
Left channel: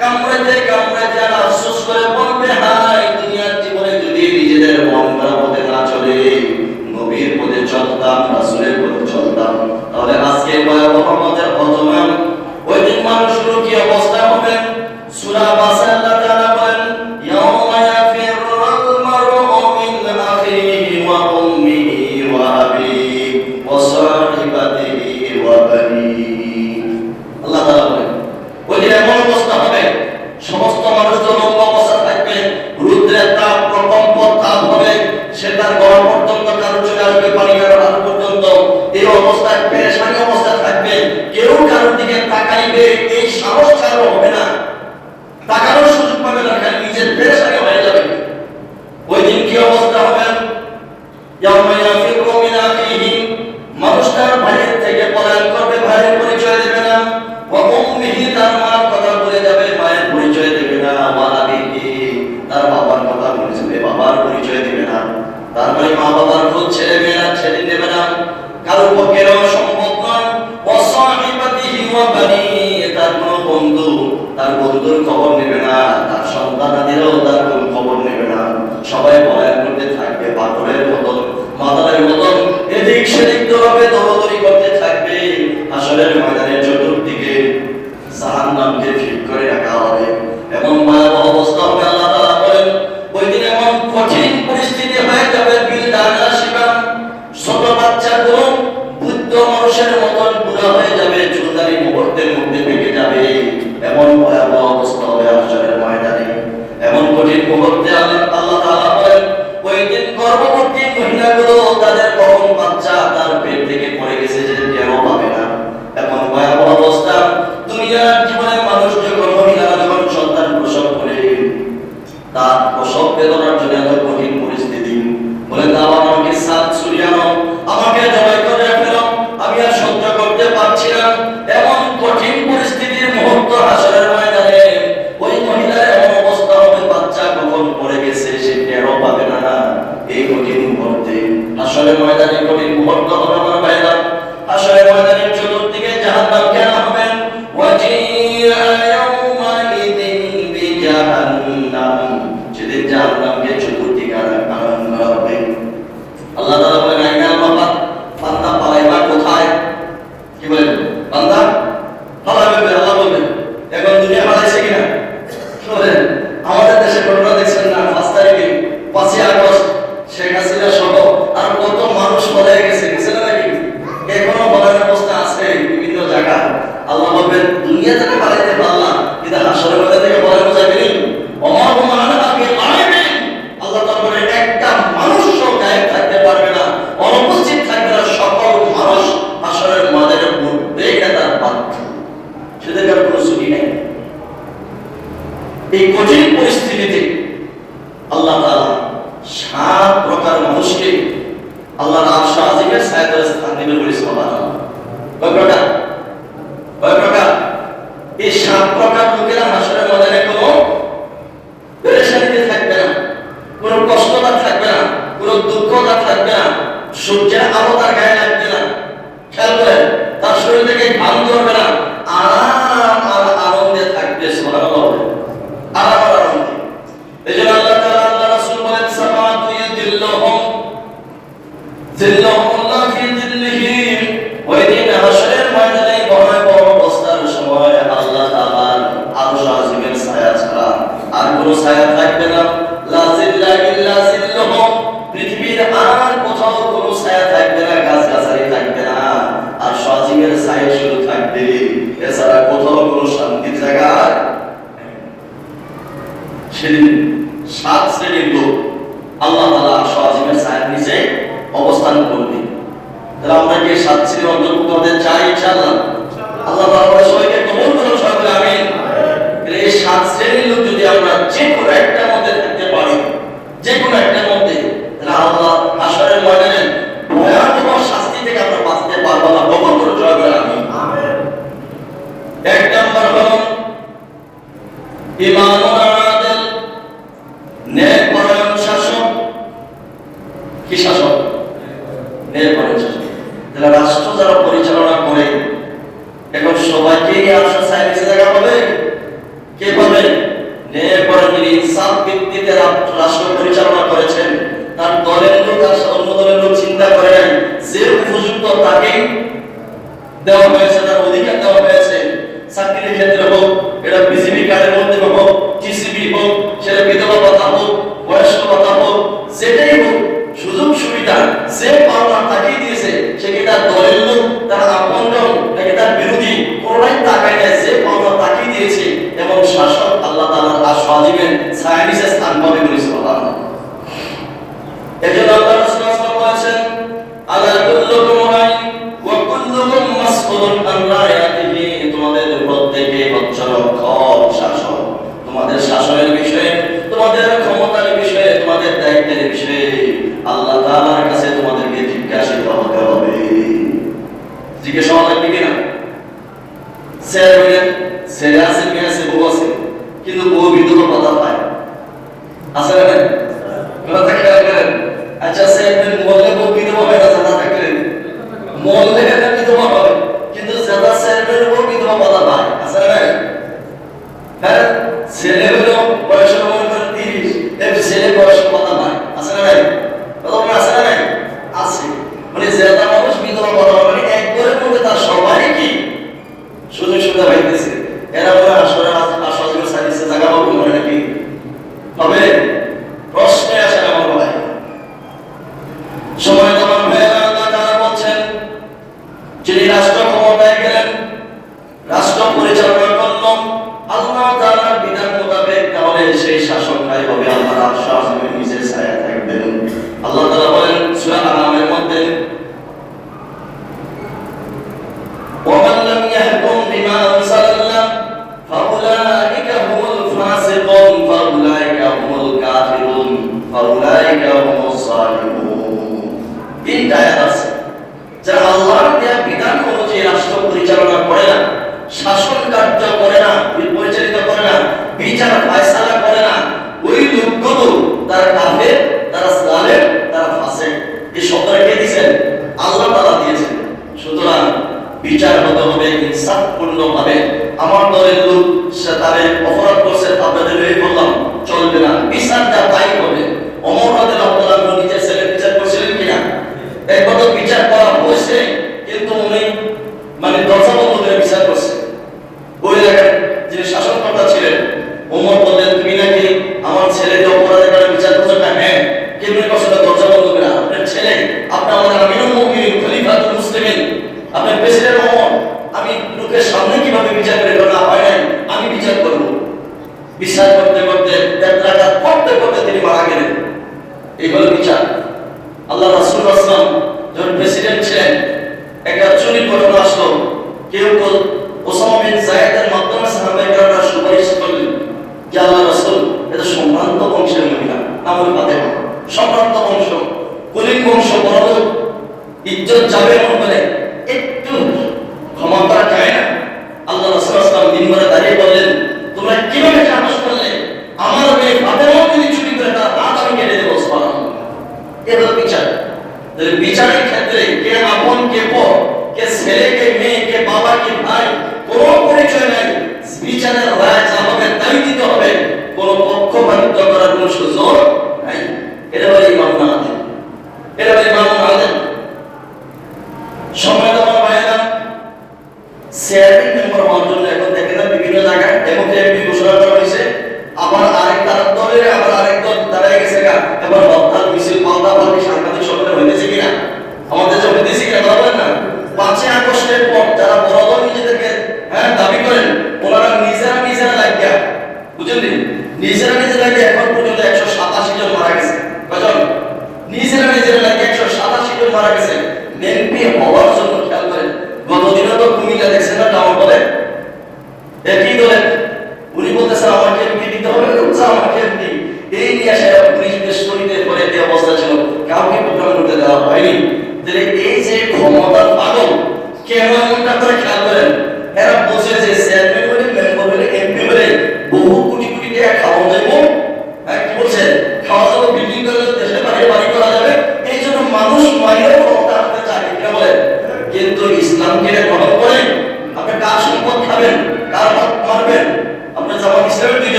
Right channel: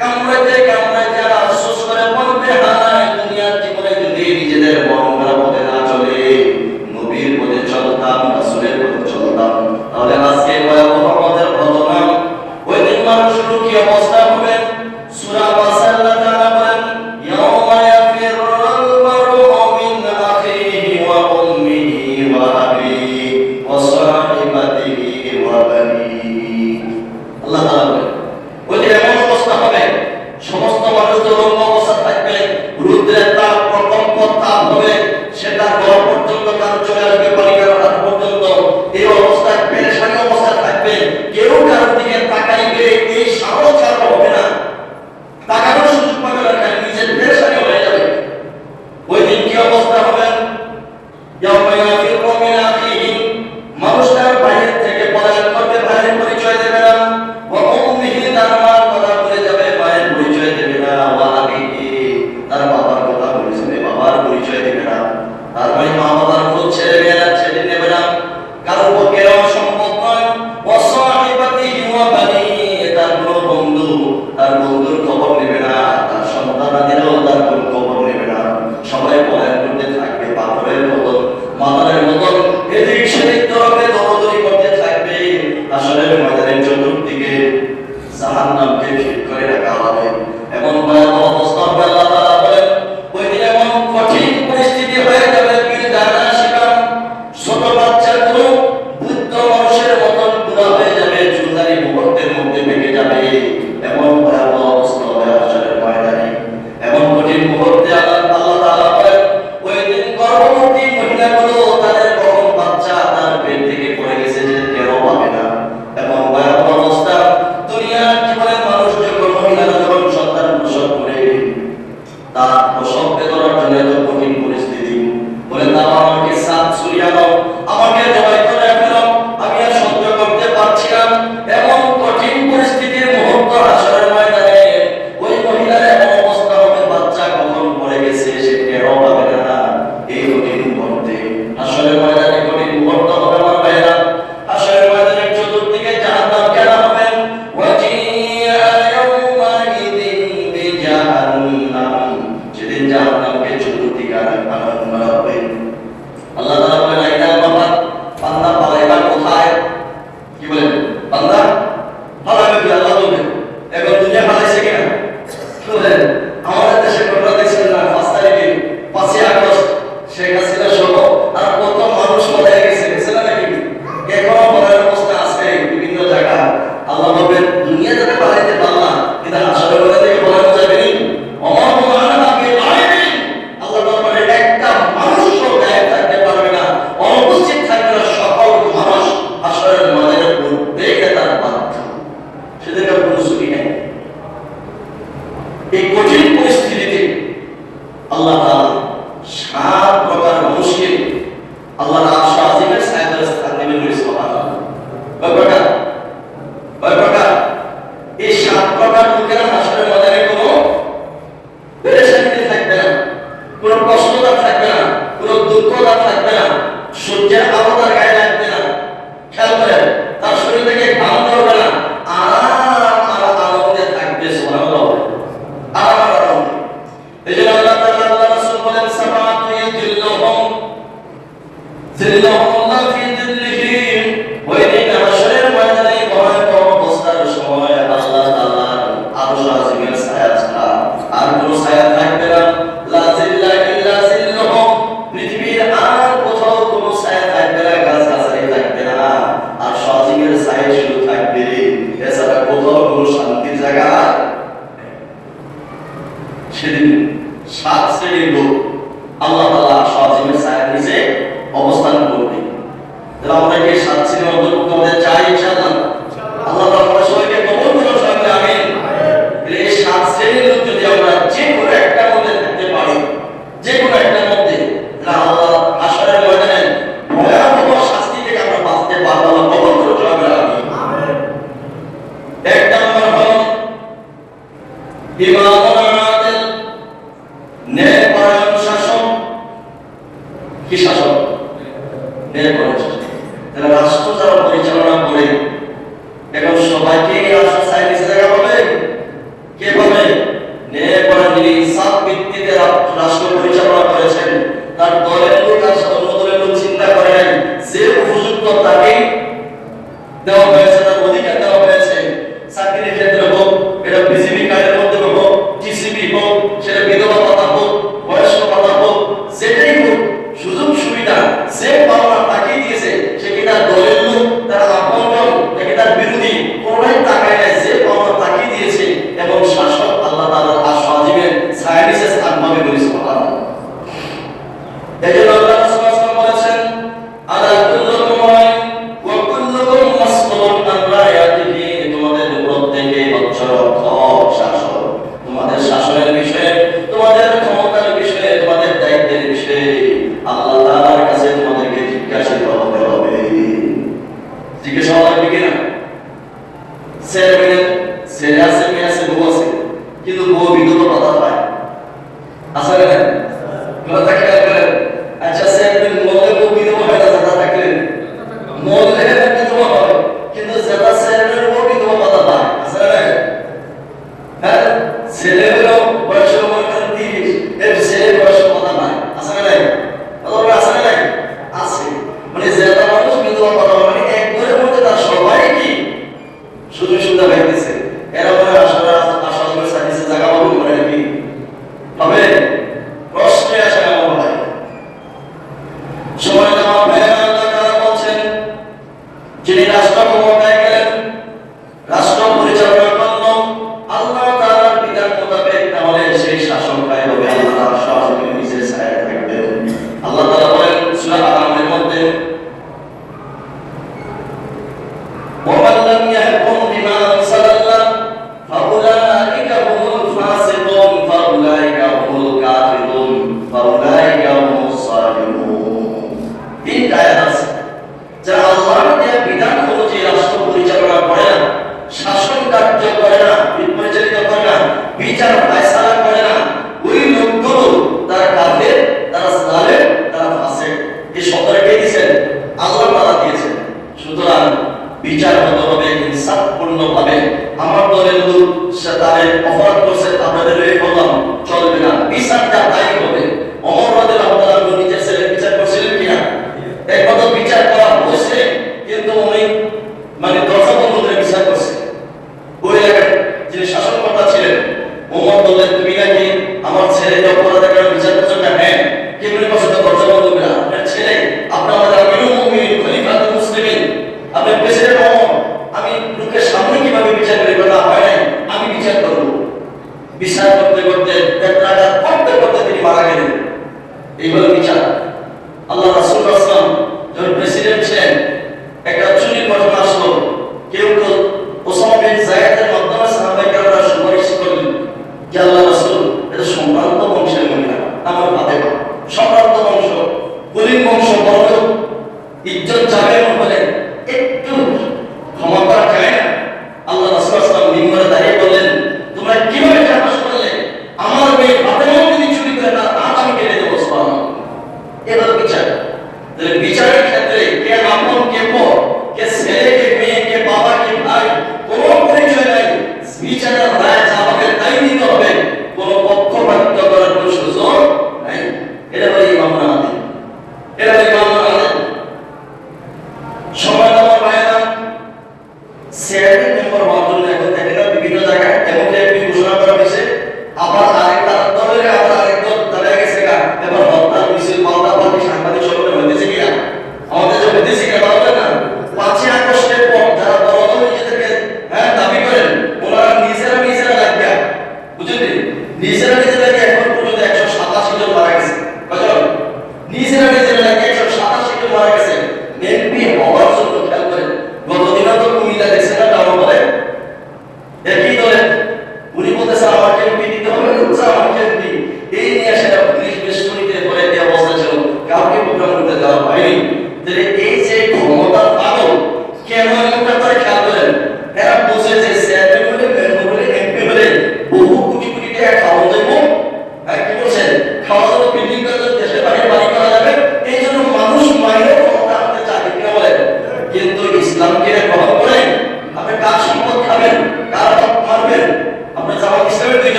কামড়াতে কামড়াতে আফসোস করে বলবে, পরিস্থিতিতে আল্লাহ তাআলা 7 প্রকার মানুষকে আল্লাহর আরশ আজিমের ছায়াতলে স্থান দেবে বলে সুবহানাল্লাহ। কয় প্রকার? কয় প্রকার? এই 7 প্রকার লোকেরা হাসরের ময়দানে কোনো পেরেশানিতে থাকবে না, কোনো কষ্ট তার থাকবে না, কোনো দুঃখ তার থাকবে না, সূর্যের আলো তার গায়ে লাগবে না, খেয়াল করেন তার শরীর থেকে ঘাম ধরবে না, আরাম আর আনন্দে থাকবে। সুবহানাল্লাহ। আরাম আর আনন্দে। এজন্য আল্লাহ তাআলা আল্লাহ রাসূল বলেন সামাতু ইয়াদিল্লুহুম জিল্লুহুল্লাহ ফি জিল্লিহি। ওই দিন হাসরের ময়দানে ভয়াবহ অবস্থার সময় আল্লাহ তাআলার আরশ আজিমের ছায়া ছাড়া আর কোনো ছায়া থাকবে না। লা জিল্লা ইল্লা জিল্লুহুম। পৃথিবীর আর কোথাও কোনো ছায়া থাকবে না, গাছগাছালি থাকবে না, আরশ আজিমের ছায়া শুধু থাকবে। এছাড়া কোথাও কোনো শান্তির জায়গা আর সেদিন 7 শ্রেণীর লোক আল্লাহ তাআলা আরশ আজিমের ছায়ার নিচে অবস্থান করবে। তাহলে আমরা কি 7 শ্রেণীর অন্তর্ভুক্ত হতে চাই ইনশাআল্লাহ? আল্লাহ তাআলা আমাদের সবাইকে কবুল করুন, সবাই আমিন। তাহলে এই 7 শ্রেণীর লোক যদি আমরা যে কোনো একটা মধ্যে থাকতে পারি, যে কোনো একটা মধ্যে, তাহলে আল্লাহ হাসরের ময়দানে ভয়াবহ শাস্তি থেকে আমরা বাঁচতে পারবো। আল্লাহ কবুল করুন, সবাই আমিন। এক নম্বর হলো ইমামুল আদিল, ন্যায়পরায়ণ শাসক। কি শাসক? ন্যায়পরায়ণ শাসক। তাহলে রাষ্ট্র যারা পরিচালনা করে, এখন সবাইকে আরশের ছায়ার নিচে জায়গা পাবে? কে পাবে? ন্যায়পরায়ণ, যিনি ইনসাফ ভিত্তিতে রাষ্ট্র পরিচালনা করেছেন, তার দলের লোক আর অন্য দলের লোক চিন্তা করে নাই, যে উপযুক্ত তাকেই দেওয়া হয়েছে, তার অধিকার দেওয়া হয়েছে। চাকরির ক্ষেত্রে হোক, এটা বিজিবি কার্ডের মধ্যে হোক, টিসিবি হোক, সেটা বিধবা ভাতা হোক, বয়স্ক ভাতা হোক, যেটাই হোক, সুযোগ সুবিধা যে পাওনা তাকেই দিয়েছে। সে কি তার দলের লোক, তার আপনজন, নাকি তার বিরোধী, কোনোটাই তাকায় না, যে পাওনা তাকেই দিয়েছে। এবং শাসক আল্লাহ তাআলার আরশ আজিমের ছায়ার নিচে স্থান পাবে বলে সুবহানাল্লাহ। এজন্য আল্লাহ রাসূল সাল্লাল্লাহু আলাইহি ওয়াসাল্লাম বলেছেন, আলা কুল্লুকুম রাইন ওয়া কুল্লুকুম মাসউলুন আন রায়াতিহি। তোমাদের প্রত্যেকে হচ্ছে রক্ষক, শাসক। তোমাদের শাসনের বিষয়ে, তোমাদের ক্ষমতার বিষয়ে, তোমাদের দায়িত্বের বিষয়ে আল্লাহ তাআলার কাছে তোমাদেরকে জিজ্ঞাসিত হতে হবে। জিজ্ঞাসা হওয়া লাগবে কিনা? ছেলে আছে, মেয়ে আছে, বউ আছে, কিন্তু বউ বিধবা কথা পায়,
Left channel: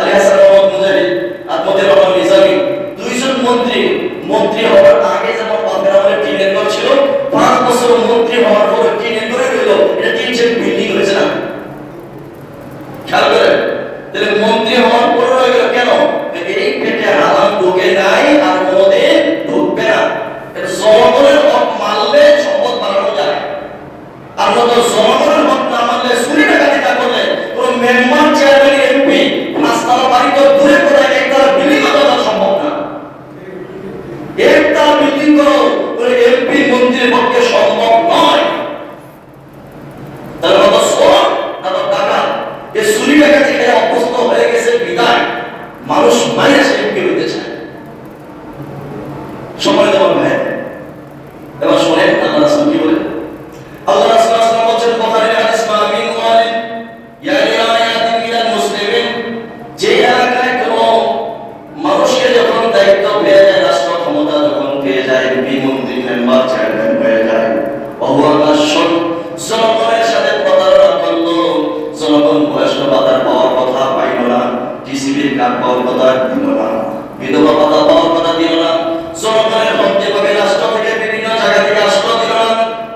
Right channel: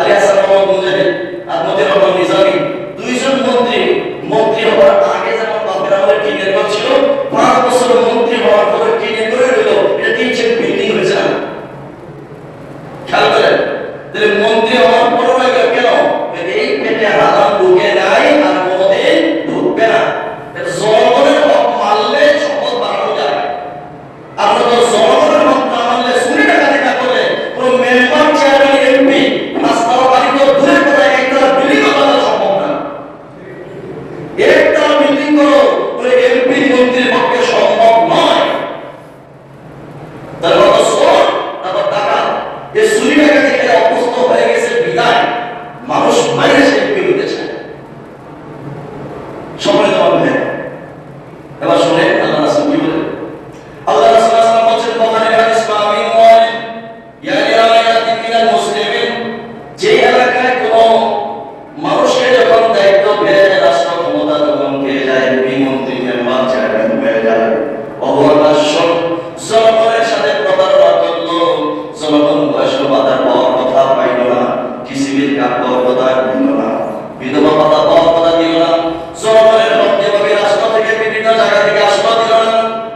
আলী হাসান মোহাম্মদ মুজাহিদ আর মতিউর রহমান নিজামী, দুইজন মন্ত্রী হওয়ার আগে যেমন বাপের আমলে টিনের ঘর ছিল, 5 বছর মন্ত্রী হওয়ার পরে টিনের ঘরে রইল, এটা 3 সেট বিল্ডিং হয়েছে না? খেয়াল করেন, তাহলে মন্ত্রী হওয়ার পরে রইল কেন? এই পেটে হারাম ঢুকে নাই আর কোনোদিন ঢুকবে না। এটা জনগণের হক মানলে সম্পদ বাড়ানো যায়। আমরা তো জনগণের হক না মানলে চুরি ডাকাতি না করলে পুরো মেম্বার চেয়ারম্যান এমপি 5 তলা বাড়ি তো দূরের কথা, একতলা বিল্ডিং বানানো সম্ভব না। একতলা বিল্ডিং করো পুরো এমপি মন্ত্রীর পক্ষে সম্ভব নয়। তার কথা শোন, তারপর টাকা এই চুরি ডাকাতি খেলে অভ্যস্ত হয়ে গেছে বিদায় মানুষ মাইয়া সে এমপি হইতেছে। সময় দেওয়া ভাই, এবার শুনে আল্লাহ রাসূল কি বলে। আল্লাহ রাসূল সাল্লাল্লাহু আলাইহি ওয়াসাল্লাম বলেন, বুখারীর হাদিস, মামিন ওয়ালিন ইয়ালি আয়াতিন মিনাল মুসলিমিন, যে এলাকায় কোনো মানুষকে যখন দায়িত্ব পেয়ে যায়, রাষ্ট্র ক্ষমতা যখন পেয়ে যায়, এমপি মন্ত্রী মেম্বার চেয়ারম্যান হয়ে যায়, অবহানাশন জনগণের সাথে প্রতারণা করলো, জনগণ বয়স্ক ভাতা পাওয়ার কথা পাইল না, টিসিবির কার্ড পাওয়ার কথা দিল না, বিধবা ভাতা পাওয়ার কথা দিল না, জনগণের হক যেভাবে রাষ্ট্র থেকে বিভিন্ন জায়গা থেকে আশ্রয় দিল না,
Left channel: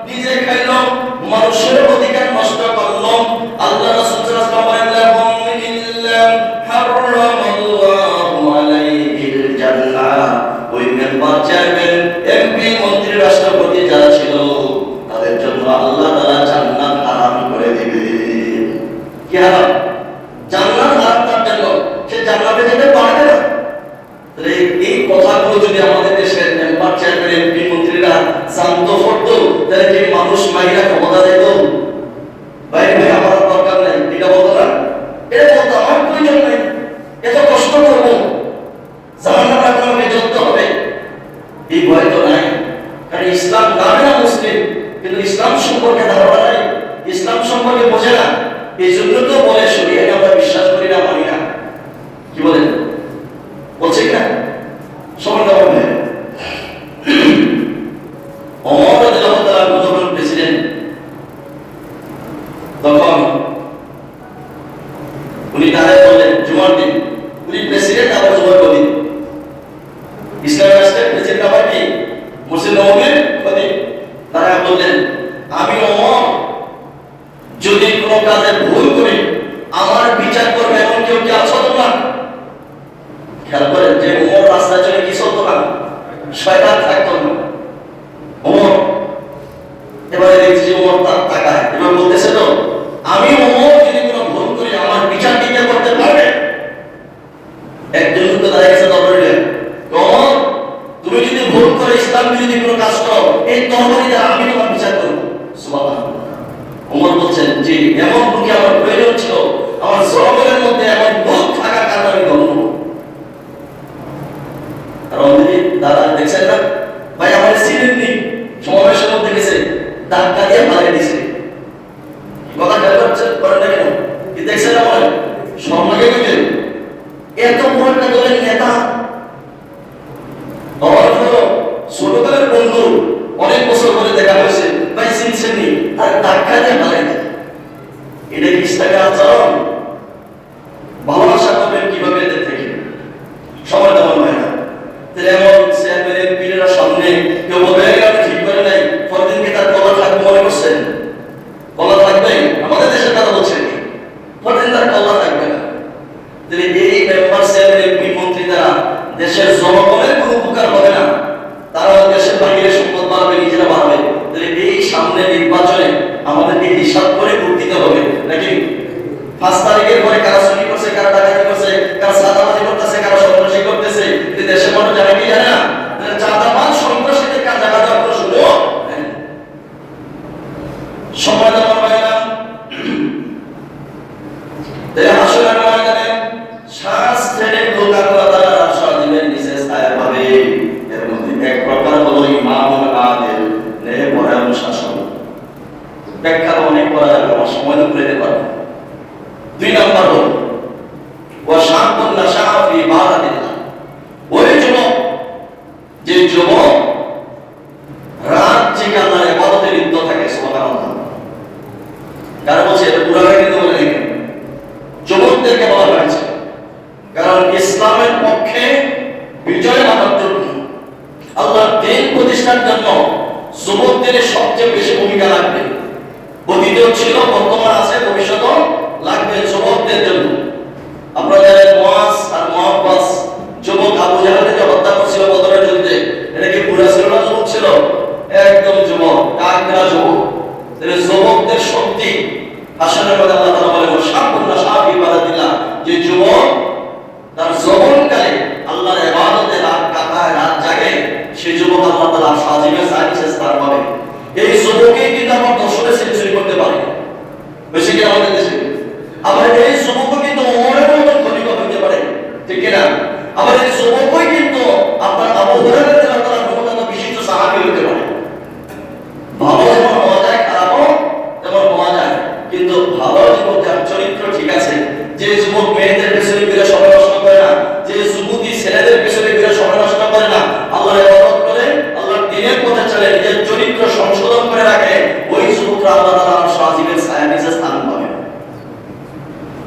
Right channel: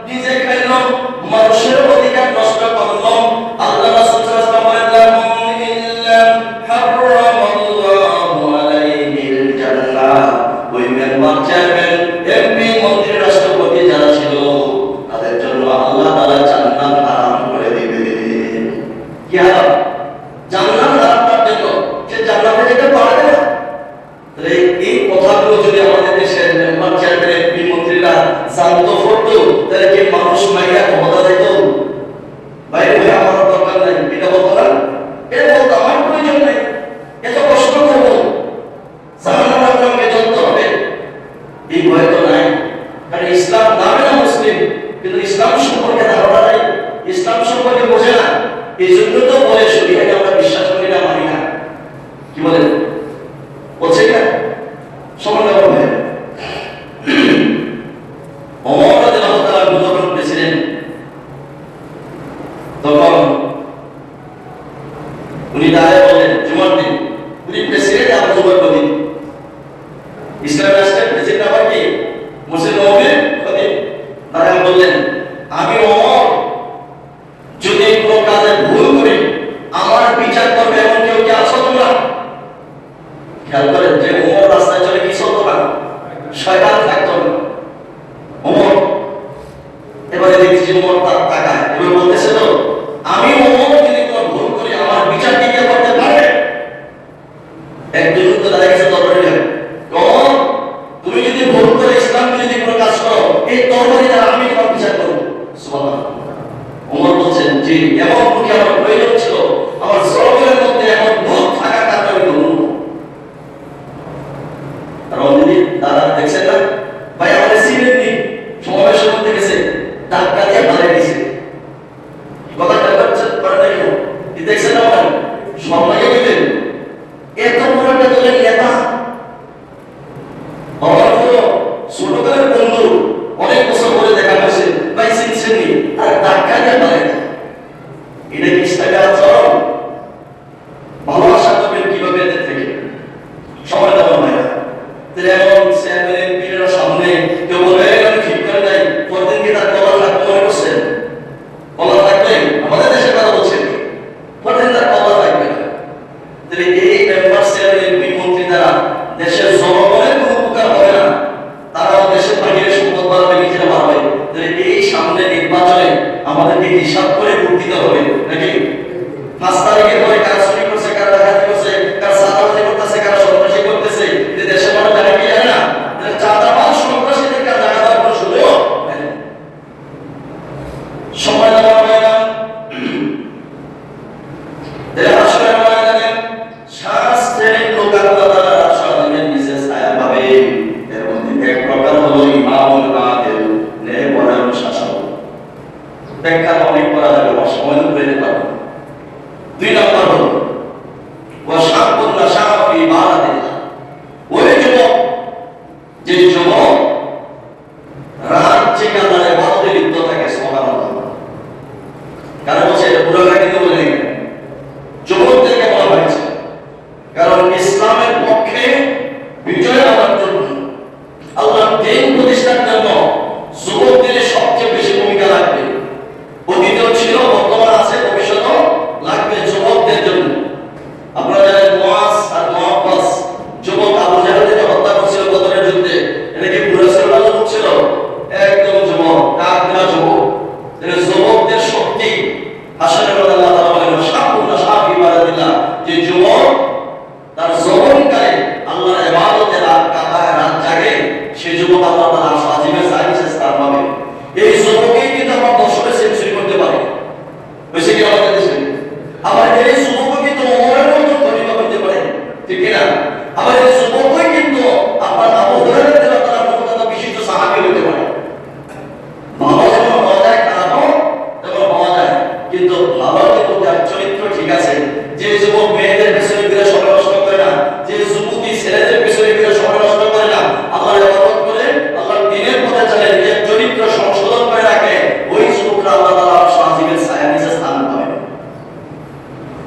নিজে খাইল, মানুষের অধিকার নষ্ট করল। আল্লাহ রাসূল সাল্লাল্লাহু আলাইহি ওয়াসাল্লাম বলেন, ইল্লা হারামাল্লাহু আলাইহিল জান্নাহ, ওই মেম্বার চেয়ারম্যান এমপি মন্ত্রী রাষ্ট্রপতি যারা ছিল তাদের জন্য আল্লাহ তাআলা জান্নাত হারাম করে দিবেন। কি হারাম? জান্নাত হারাম তার জন্য, সে জান্নাতে যেতে পারবে না। তাহলে এই কথাগুলো যদি আমাদের দেশের মেম্বার চেয়ারম্যান এমপি মন্ত্রীরা জানতো করতো, তাহলে কি মানুষ মাইরা ক্ষমতা দিত? ভাই ভাই আমার দরকার নাই, এটা বলতো না, এটা বলতো আমার প্রয়োজন নেই, এত কষ্ট করবো, জান্নাত আপনাকে জ্বলতে হবে, এই ভয় তো নাই। কারণ ইসলাম নামে না মুসলিম, কিন্তু ইসলাম সম্পর্কে ধারণা নাই, ইসলাম সম্পর্কে বোঝে না, এই জন্য তো বলে শরীয়তে আমরা বিশ্বাস করি না, মানি না। কি বলেন? বলছে না সময় হবে। ওমর রাদিয়াল্লাহু তাআলা যখন প্রেসিডেন্ট, তখন উনি দাঁড়ায় বলেন জুমার দিন, উনি প্রেসিডেন্ট আবার জুমার দিন, ইসলাম রাষ্ট্রের প্রেসিডেন্ট আবার কি মুসলিম নবীর খতিব, তারা বললেন, আমি ওমর যদি কোনো কাজে ভুল করি আমার বিচার করবে এমন কেউ কি আছো তোমরা? খেয়াল করেন যে ওমর রাস্তায় চলে কি চলতো না, শয়তান থাকতো না। ওমর এবারে দেখছি ওমর তার তাকায়, এবার বলতেছে তো আমি ওমর যদি কোনো ভুল করি আমার বিচার কি কে করতে পারবে? একজন তো দাঁড়িয়ে গেছে দরবারে, ওমর তুমি যদি ভুল করে ইসলাম বিরোধী কোনো কাজ করো, এই তরবারি দ্বারা আমি তোমার বিচার করব। সুবহানাল্লাহ। ওমর বলছেন, জি এমন কি আমার প্রয়োজন ছিল, আমার জগতের মধ্যে এমন ভুল থাকার কারণে আমি বলবো। আর অলরেডি দাদা দেখছেন না ভাই, আমাদের সিমেন্ট নি সমাবেশের মধ্যে গেছে, ধাক্কা দিয়ে মারে দিছে, কথা খেয়াল করছেন করেন না কেন? কি দেখছেন না মনে সব লাগে দিতেন, এত বড় একটা দলের নেতা, ছোটকালের বন্ধু, অনেক বছর ধরে দেখা হয়েছে, ভাই চিনছেন নি, আর ধাক্কা দিয়ে মারে। এটা কি ইসলামের আচরণ? ভালোবাসা করবেন কিভাবে এদের থেকে? সময় দেওয়া হয় না। তাহলে এমন চেয়ারম্যান এমপিরা সামনে কেউ বলবে আমি ঠিক করে নাই, পরদিন কি তার কলা থাকবে মনে করছেন? কলা থাকবে? আমাদের দেশের কথা বলছেন কি? পরদিন তার কলা থাকবে না। তাহলে এই মেম্বার চেয়ারম্যান এমপি মন্ত্রী দ্বারা দেশের জনগণের কোনো উপকার হবে না, তারাও দেশের বাহিরে সম্পদ বাড়াবে, নিজেরা বাড়াবে। তাহলে এই সামনে নির্বাচনে আমাদেরকে হিসাব করে ভোট দিতে হবে নাকি? 5 তারিখের পরে কারা চুরি করছে, কারা ডাকাতি করছে, কারা চাঁদাবাজি করতেছে, কারা সন্ত্রাসী করতেছে, কিন্তু দেশের মানুষ জানে কি জানে না? চাঁদাবাজ সন্ত্রাসীদের কাজ জায়গা দেওয়ার কোনো সুযোগ নেই। সময় দেওয়া হয় না। আসলে ময়দানে শ্বাস ছেড়ে দোকানদার সারাদিনের নিচে পক্ষে বিজয় আনার জন্য, আল্লাহর দ্বীন প্রতিষ্ঠার জন্য যুবকদের সবচেয়ে বেশি ভূমিকা লাগবে। অতীতেও ছিল, বর্তমান আছে, ভবিষ্যতেও লাগবে যুবকদের জন্য। আপনারা জানেন মুআজ আর মুআব্বাস যুবক আবু জাহেলকে হত্যা করেছিল বদরের যুদ্ধে। এটা কি বুড়া ছিল না যুবক ছিল? একদম যুবক, ডাক দেওয়া যুবক। যুবকদের শক্তি হাসরের মধ্যে আল্লাহ তাআলা বলেন শাবুনা শাবি বারাদিল্লাহ, যে যুবক তার যৌবনকালে আল্লাহর ইবাদতে রাত কাটায়, রাত জাগে, সেই যুবক আল্লাহ তাআলা সাজিমের সাইনিসে স্থান পাবে। এই যুবকই কিন্তু আমার দর্শনে সেঞ্চুরি করতে পারে, বেশি কি আমাদের দেশে। আবার এই যুবকও কিন্তু ওমরের মতো খলিফা হতে পারে, ঠিক কি না? আবার এই যুবকই কিন্তু আপনার আবু হুরায়রা রাদিয়াল্লাহু তাআলার মতো বিশিষ্ট সাহাবী হতে পারে। ভালো যেমন হওয়া যায়, খারাপও তেমন হওয়া যায়, কিন্তু ভালো যুবক যার চরিত্র ঠিক আছে, যে যুবক মেয়েদের পিছনে ঘুরে সময় নষ্ট করে না, যে যুবতী ছেলেদের পিছনে ঘুরে সময় নষ্ট করে না, আল্লাহর ইবাদত করে, আল্লাহর দ্বীনের পথে চলে, নিজের চরিত্র সংশোধন করে রাখে, ওই যুবকরা আল্লাহ তাআলার সাজিমের ছায়ার নিচে স্থান পাবে।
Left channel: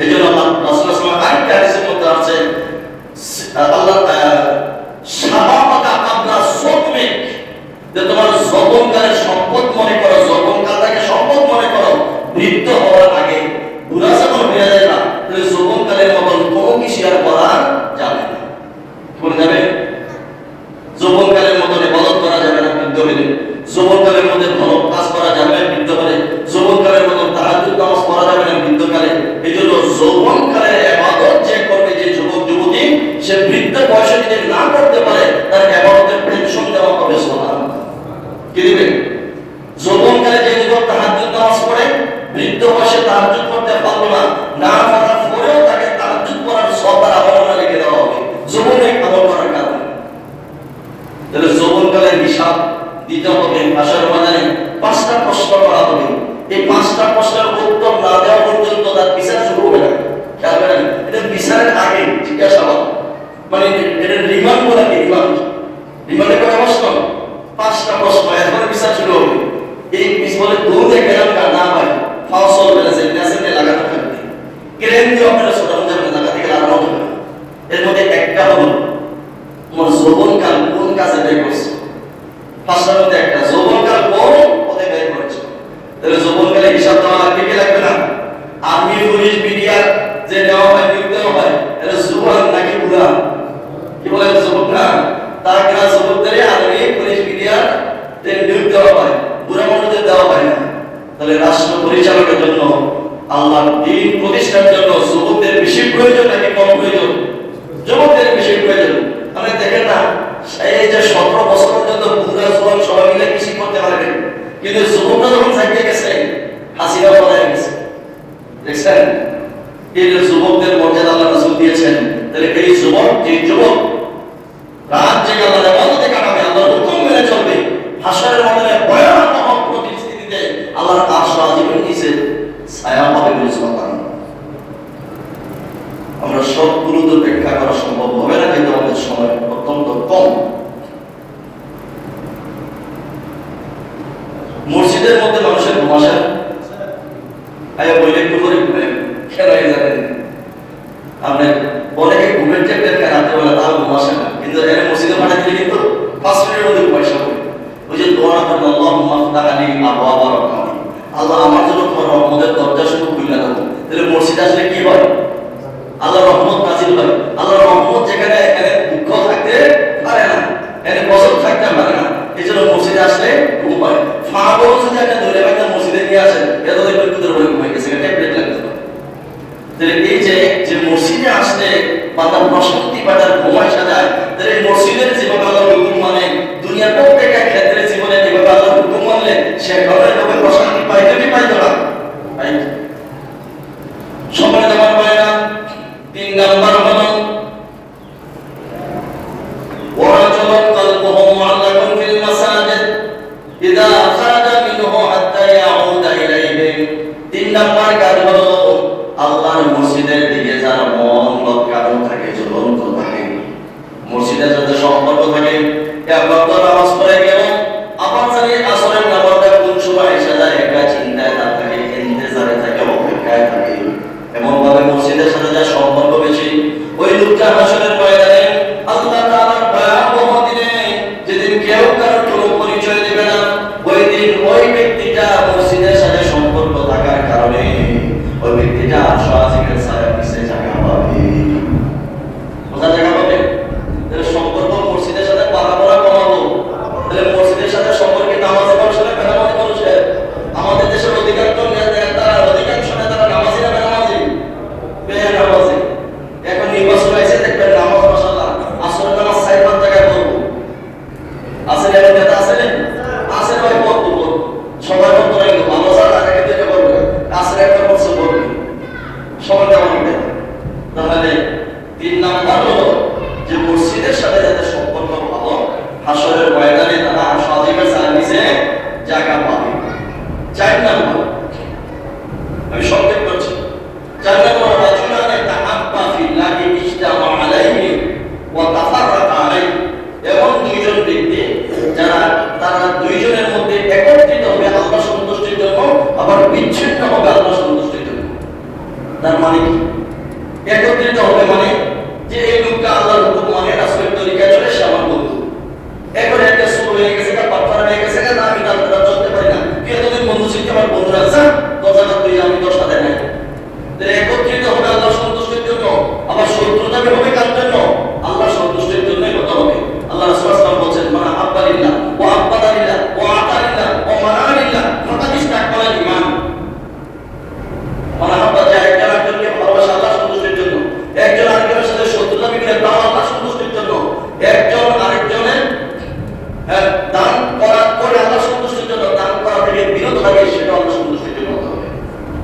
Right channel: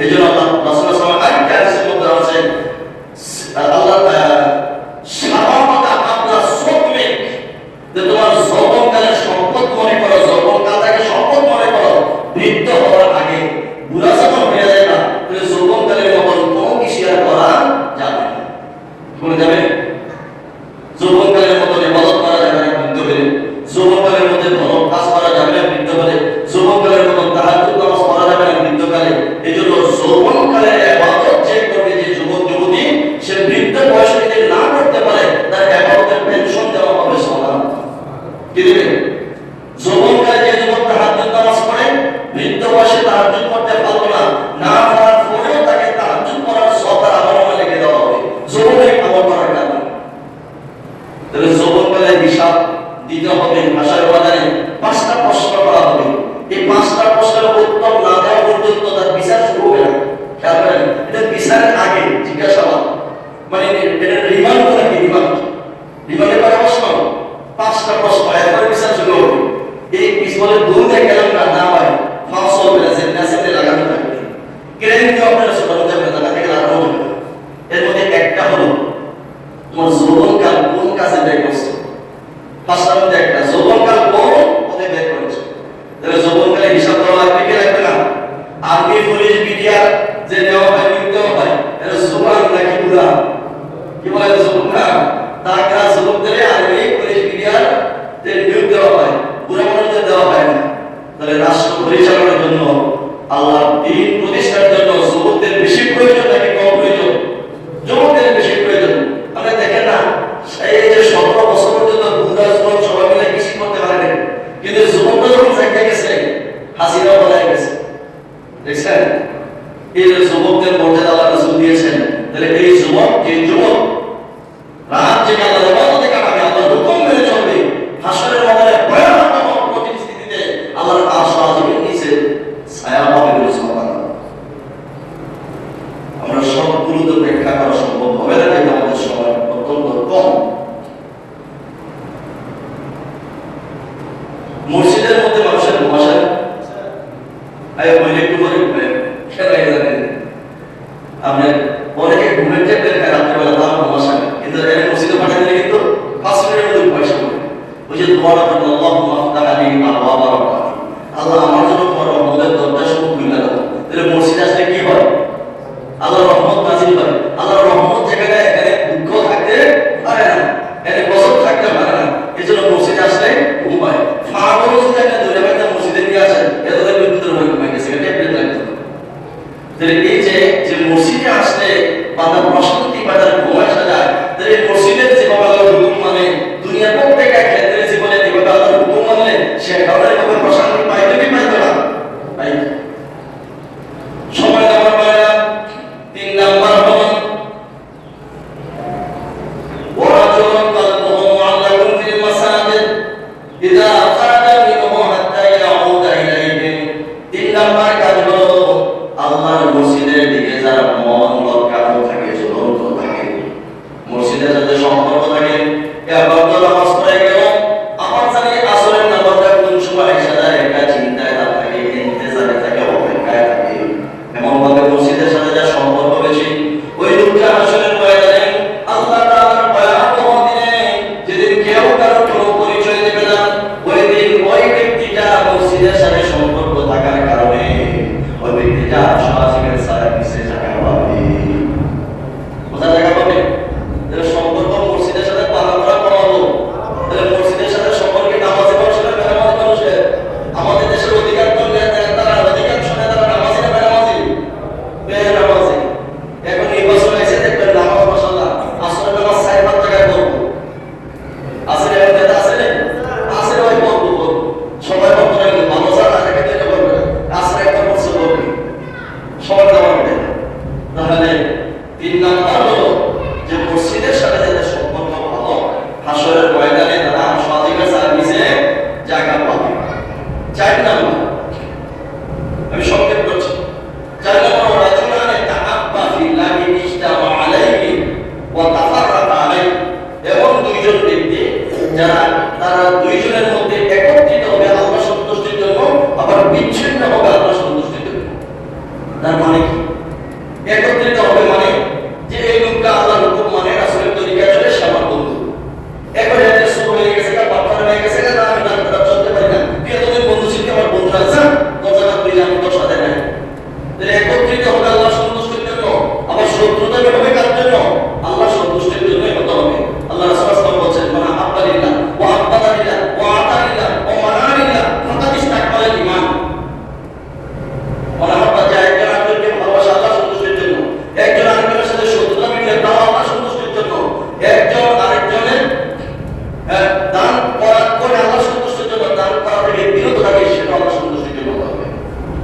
এইজন্য আল্লাহ রাসূল সাল্লাল্লাহু আলাইহি ওয়াসাল্লাম আরেকটা হাদিসের মধ্যে আছে, আল্লাহ শাবাবাকা কাবলা সুকমিক, যে তোমার যৌবনকালের সম্পদ মনে করো, যৌবনকালটাকে সম্পদ মনে করো, বৃদ্ধ হওয়ার আগে বুড়া যখন হয়ে যায় না, তাহলে যৌবনকালের মতন কোনো কিছু আর করা যাবে না। বলে যাবে যৌবনকালের মতন ইবাদত করা যাবে না বৃদ্ধ হলে, যৌবনকালের মধ্যে ভালো কাজ করা যাবে না বৃদ্ধ হলে, যৌবনকালের মতন তাহাজ্জুদ নামাজ পড়া যাবে না বৃদ্ধকালে। এইজন্য যৌবনকালে ইবাদত যে করবে, যে যুবক যুবতী, সে বৃদ্ধ বয়সে যদি না করতে পারে, তার ইবাদতের পেনশন দেওয়া হবে সুবহানাল্লাহ। কি দিবে? যৌবনকালে যে যুবক তাহাজ্জুদ নামাজ পড়ে, বৃদ্ধ বয়সে তাহাজ্জুদ পড়তে পারলো না, না পারার পরেও তাকে তাহাজ্জুদ পড়ার সওয়াব আমলে লিখে দেওয়া হবে যৌবনে আমল করার কারণে। তাহলে যৌবনকালে হিসাব দিতে হবে। ভাষার বাজারে 5টা প্রশ্ন করা হবে। এই 5টা প্রশ্নের উত্তর না দেওয়া পর্যন্ত তার বিচার শুরু হবে না। খেয়াল করেন, এটা বিচারের আগে জিজ্ঞাসাবাদ, মানে এটা রিমান্ড বলে কি? রিমান্ডে কয় প্রশ্ন? 5টা প্রশ্ন, এরপরে বিচার শুরু হবে। এই বলে দৌড়ে গেলাম না ভাই, ফাউসল বেরাছে নেসেতে লাগানো থাকবে, ক্রেন দিয়ে আপনারা ছোট মধ্যে জায়গা থেকে লাগানো হবে। এর মধ্যে একটা হলো তোমার যৌবনকাল কোন কাজে ব্যয় করছো। 5টার মধ্যে একটা, যৌবনকাল কোন পথে ব্যয় করেছো। তাহলে যৌবনকালে হিসাব দেওয়া লাগবে কি লাগবে না? আর্মি, পুলিশ, বিডিআর যে দেওয়া হয়, নিয়োগ দেওয়া হয়, এটা জোয়ান নাকি বুড়া? কি বলে যুবক না? তারা যুবকদের আর্মি, পুলিশ, বিডিআর নিয়োগ দেওয়া হয়, বুড়া মানুষদের দেওয়া হয় না। তাহলে রাষ্ট্র পরিচালনার জন্য, আল্লাহর দ্বীন প্রতিষ্ঠার জন্য যুবকদের বেশি প্রয়োজন নাকি কম প্রয়োজন? যুবকদের বেশি প্রয়োজন। মানে দেখেন না, এই যে 17 বছর পর্যন্ত বুড়া যুবক সবাই মিলে কৃষি করতে পারেন, কিন্তু যুবকরা যখন চাকরি গেছে, হাসিনা বলা গেছে, দেখছেন? এই যুবকদের মর্যাদা আল্লাহ রাসূল দিয়েছেন। তাহলে এই যুবক, যে যুবক রাত জেগে আল্লাহর ইবাদতে কাটাবে, আল্লাহর হুকুম মেনে চলবে, হাসরের ময়দানে ভয়াবহ পরিস্থিতিতে আল্লাহর আরশ আজিমের নিচে ছায়া পাবে বলে সুবহানাল্লাহ। আমরা সবগুলো তো ব্যাখ্যা করা সম্ভব হবে না, যেহেতু আমাদের সময় অত্যন্ত কম। মসজিদের মধ্যে মানুষের ঘুম আসে না? বলে একটু করে খেলাই যাবেন, আপনার অনেকে ঘুমের ট্যাবলেট খায় রাত্রেবেলা, তাও ঘুম আসে না, কিন্তু এখানে মসজিদে পাঠিয়ে দিলে কিন্তু 5 মিনিটের মধ্যে পয়সা হবে। ওই যে দোয়া করেন, আল্লাহুম্মা আফতাহ আলী আবওয়াবা রাহমাতিক, আল্লাহ আমার জন্য তোমার রহমতের দরজাসমূহ খুলে দাও। তাহলে মসজিদে আসলে কি হয়? আল্লাহর রহমত নাযিল হয়। আল্লাহর রহমত যেখানে, এখানে দুঃখ থাকতে পারে না, এখানে গজব থাকতে পারে না। এজন্য মসজিদে আসলে ঘুম হয়। ফাগল যদি একটা ধরে বাইতে মসজিদে নিয়ে আসেন, এটা তো বিদ্যুতের উপরে ঘুমাই গেছে, ট্যাবলেট লাগছে। তাহলে এই যে মসজিদে আসলে বান্দা প্রশান্তি পায়, তার ঘুম আসা যায়, তাহলে মসজিদের নাম্বার হলো যে মসজিদের সাথে যাদের সম্পর্ক ভালো, হাসরের ময়দানে তারা সাদিকের সার্ভিসে জায়গা পাবে। 4 নাম্বার আমি সংক্ষেপ করছি। 4 নাম্বার রাজুলানে তাআব্বা ফিল্লাহি ইজতামা আলাইহি ওয়া তাফাররাকা আলাইহি, এমন দুইজন ব্যক্তি যারা তারা দুইজনের মধ্যে একত্রিত হবে আল্লাহ সন্তুষ্টির জন্য, আবার বিচ্ছিন্ন হবে আল্লাহ সন্তুষ্টির জন্য। তার মানে কি? একত্রিত হবে মানে যে এই লোকটা আল্লাহর হুকুম মানে, রাসূলের তরিকায় চলে, সে আমার বন্ধু। এখন একটা সুর হয়ে গেছে, পাথর হয়ে গেছে, আমি তার দ্বারা চলতে পারি না, তুই এতদিন বন্ধু ছিল, আমার বন্ধুরা আছে কথা তুই আমি তোর সাথে নাই। একত্রিত হবে আল্লাহ সন্তুষ্টির জন্য, আবার শত্রুতা হবে কার জন্য? আল্লাহ সন্তুষ্টির জন্যই হতে হবে। আল্লাহ রাসূল সাল্লাল্লাহু আলাইহি ওয়াসাল্লাম বলেছেন, মান আহাব্বা লিল্লাহ ওয়া আবগাদা লিল্লাহ ওয়া আতা লিল্লাহ ওয়া মানা লিল্লাহ ফাকাদ ইসতাকমালাল ঈমান। মান আহাব্বা, যে একজন আরেকজনকে ভালোবাসে আল্লাহ সন্তুষ্টির জন্য, একজন আরেকজনের সাথে শত্রুতা বিক্রি তাও আল্লাহ সন্তুষ্টির জন্য, একজন আরেকজনের দান করা করে আল্লাহ সন্তুষ্টির জন্য, দান করা থেকে বিরত থাকে, সেটা আল্লাহ সন্তুষ্টির জন্য হতে হবে।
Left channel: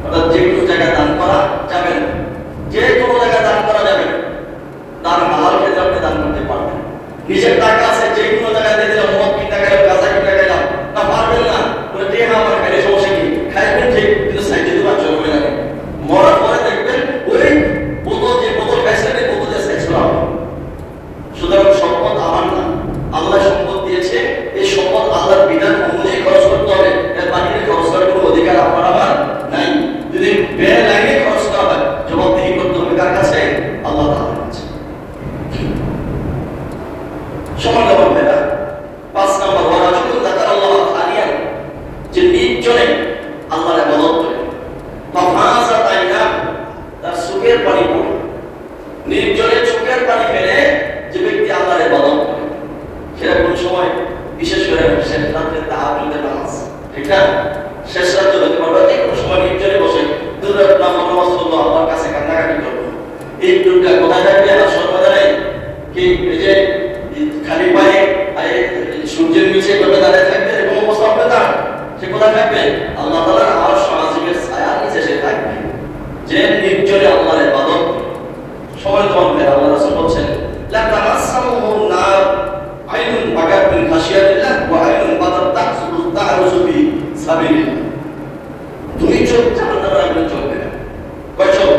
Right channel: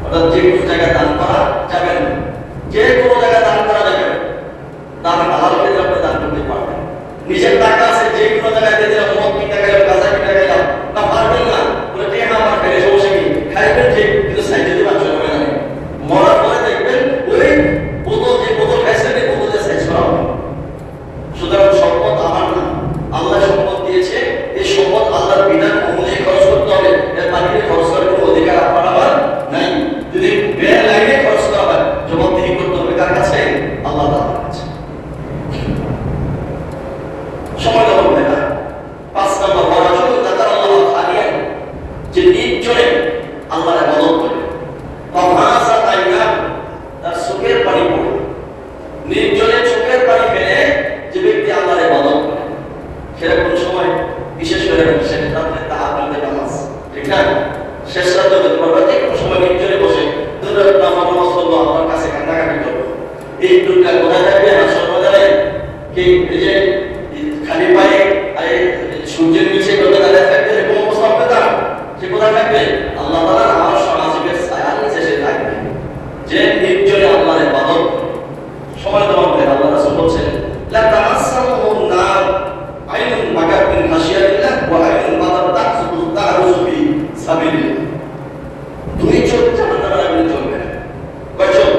অর্থাৎ যে কোনো জায়গায় দান করা যাবে না, যে কোনো জায়গায় দান করা যাবে না, দান হালাল ক্ষেত্রে আপনি দান করতে পারবেন। নিজের টাকা আছে, যে কোনো জায়গায় দিয়ে দিলাম, মদ কিনতে গেলাম, গাঁজা কিনতে গেলাম, না পারবেন না বলে টেহা আমার খাইলে সমস্যা কি, খাইবেন ঠিক, কিন্তু সাইডে দিবার জন্য হয়ে যাবে। মরার পরে দেখবেন ওই বোতল, যে বোতল খাইছে এই বোতলে সাইজ করা হবে। সুতরাং সম্পদ আমার না, আল্লাহ সম্পদ দিয়েছে, এই সম্পদ আল্লাহর বিধান অনুযায়ী খরচ করতে হবে। এর বাড়িতে খরচ করার কোনো অধিকার আপনার আমার নাই। যদি বের লাইনে খরচ করা হয়, জবাবদিহি করতে হবে কার কাছে? আল্লাহ তাআলার কাছে। সময় দেওয়া হবে না। 5 নম্বর ওয়ারাজুল যাকারাল্লাহ খালিয়ান, যে নির্জনে আল্লাহর ইবাদত করে, ফাফাসা তাইনা, তার চোখের পানি পড়ে, নির্জনে চোখের পানি ফেলে যে ব্যক্তি আল্লাহর ইবাদত করে, সেরকম সময় বিশেষ করে শেষ রাতে তাহাজ্জুদের নামাজ, ঠিক না? শেষ রাতে পড়বা, যে কোনো সময় নির্জনে বসে দুরাত নামাজ পড়লো, আল্লাহর কাছে কান্নাকাটি করবো। এই দুটা কোথায় থাকবে? হাসর ময়দানে কি এই যে খালি পায়ে সূর্যের নিচে এভাবে দাঁড়িয়ে থাকবে, এরকম অবস্থা হবে তার? সে কোথায় থাকবে? আল্লাহ তাআলার আরশ আজিমের ছায়ার নিচে সে থাকবে, যে নির্জনে আল্লাহর ইবাদত। সময় দেওয়া হবে। আল্লাহ রাসূল বলেছেন, লা তামাসসাহু নার আইনুন বাকাত মিন খাশিয়াতিল্লাহ ওয়া আইনুন বাতাত তাহরুসু ফি সাবিলিল্লাহ। দুই চোখ জাহান্নামের আগুনে জ্বলবে না। কয় চোখ?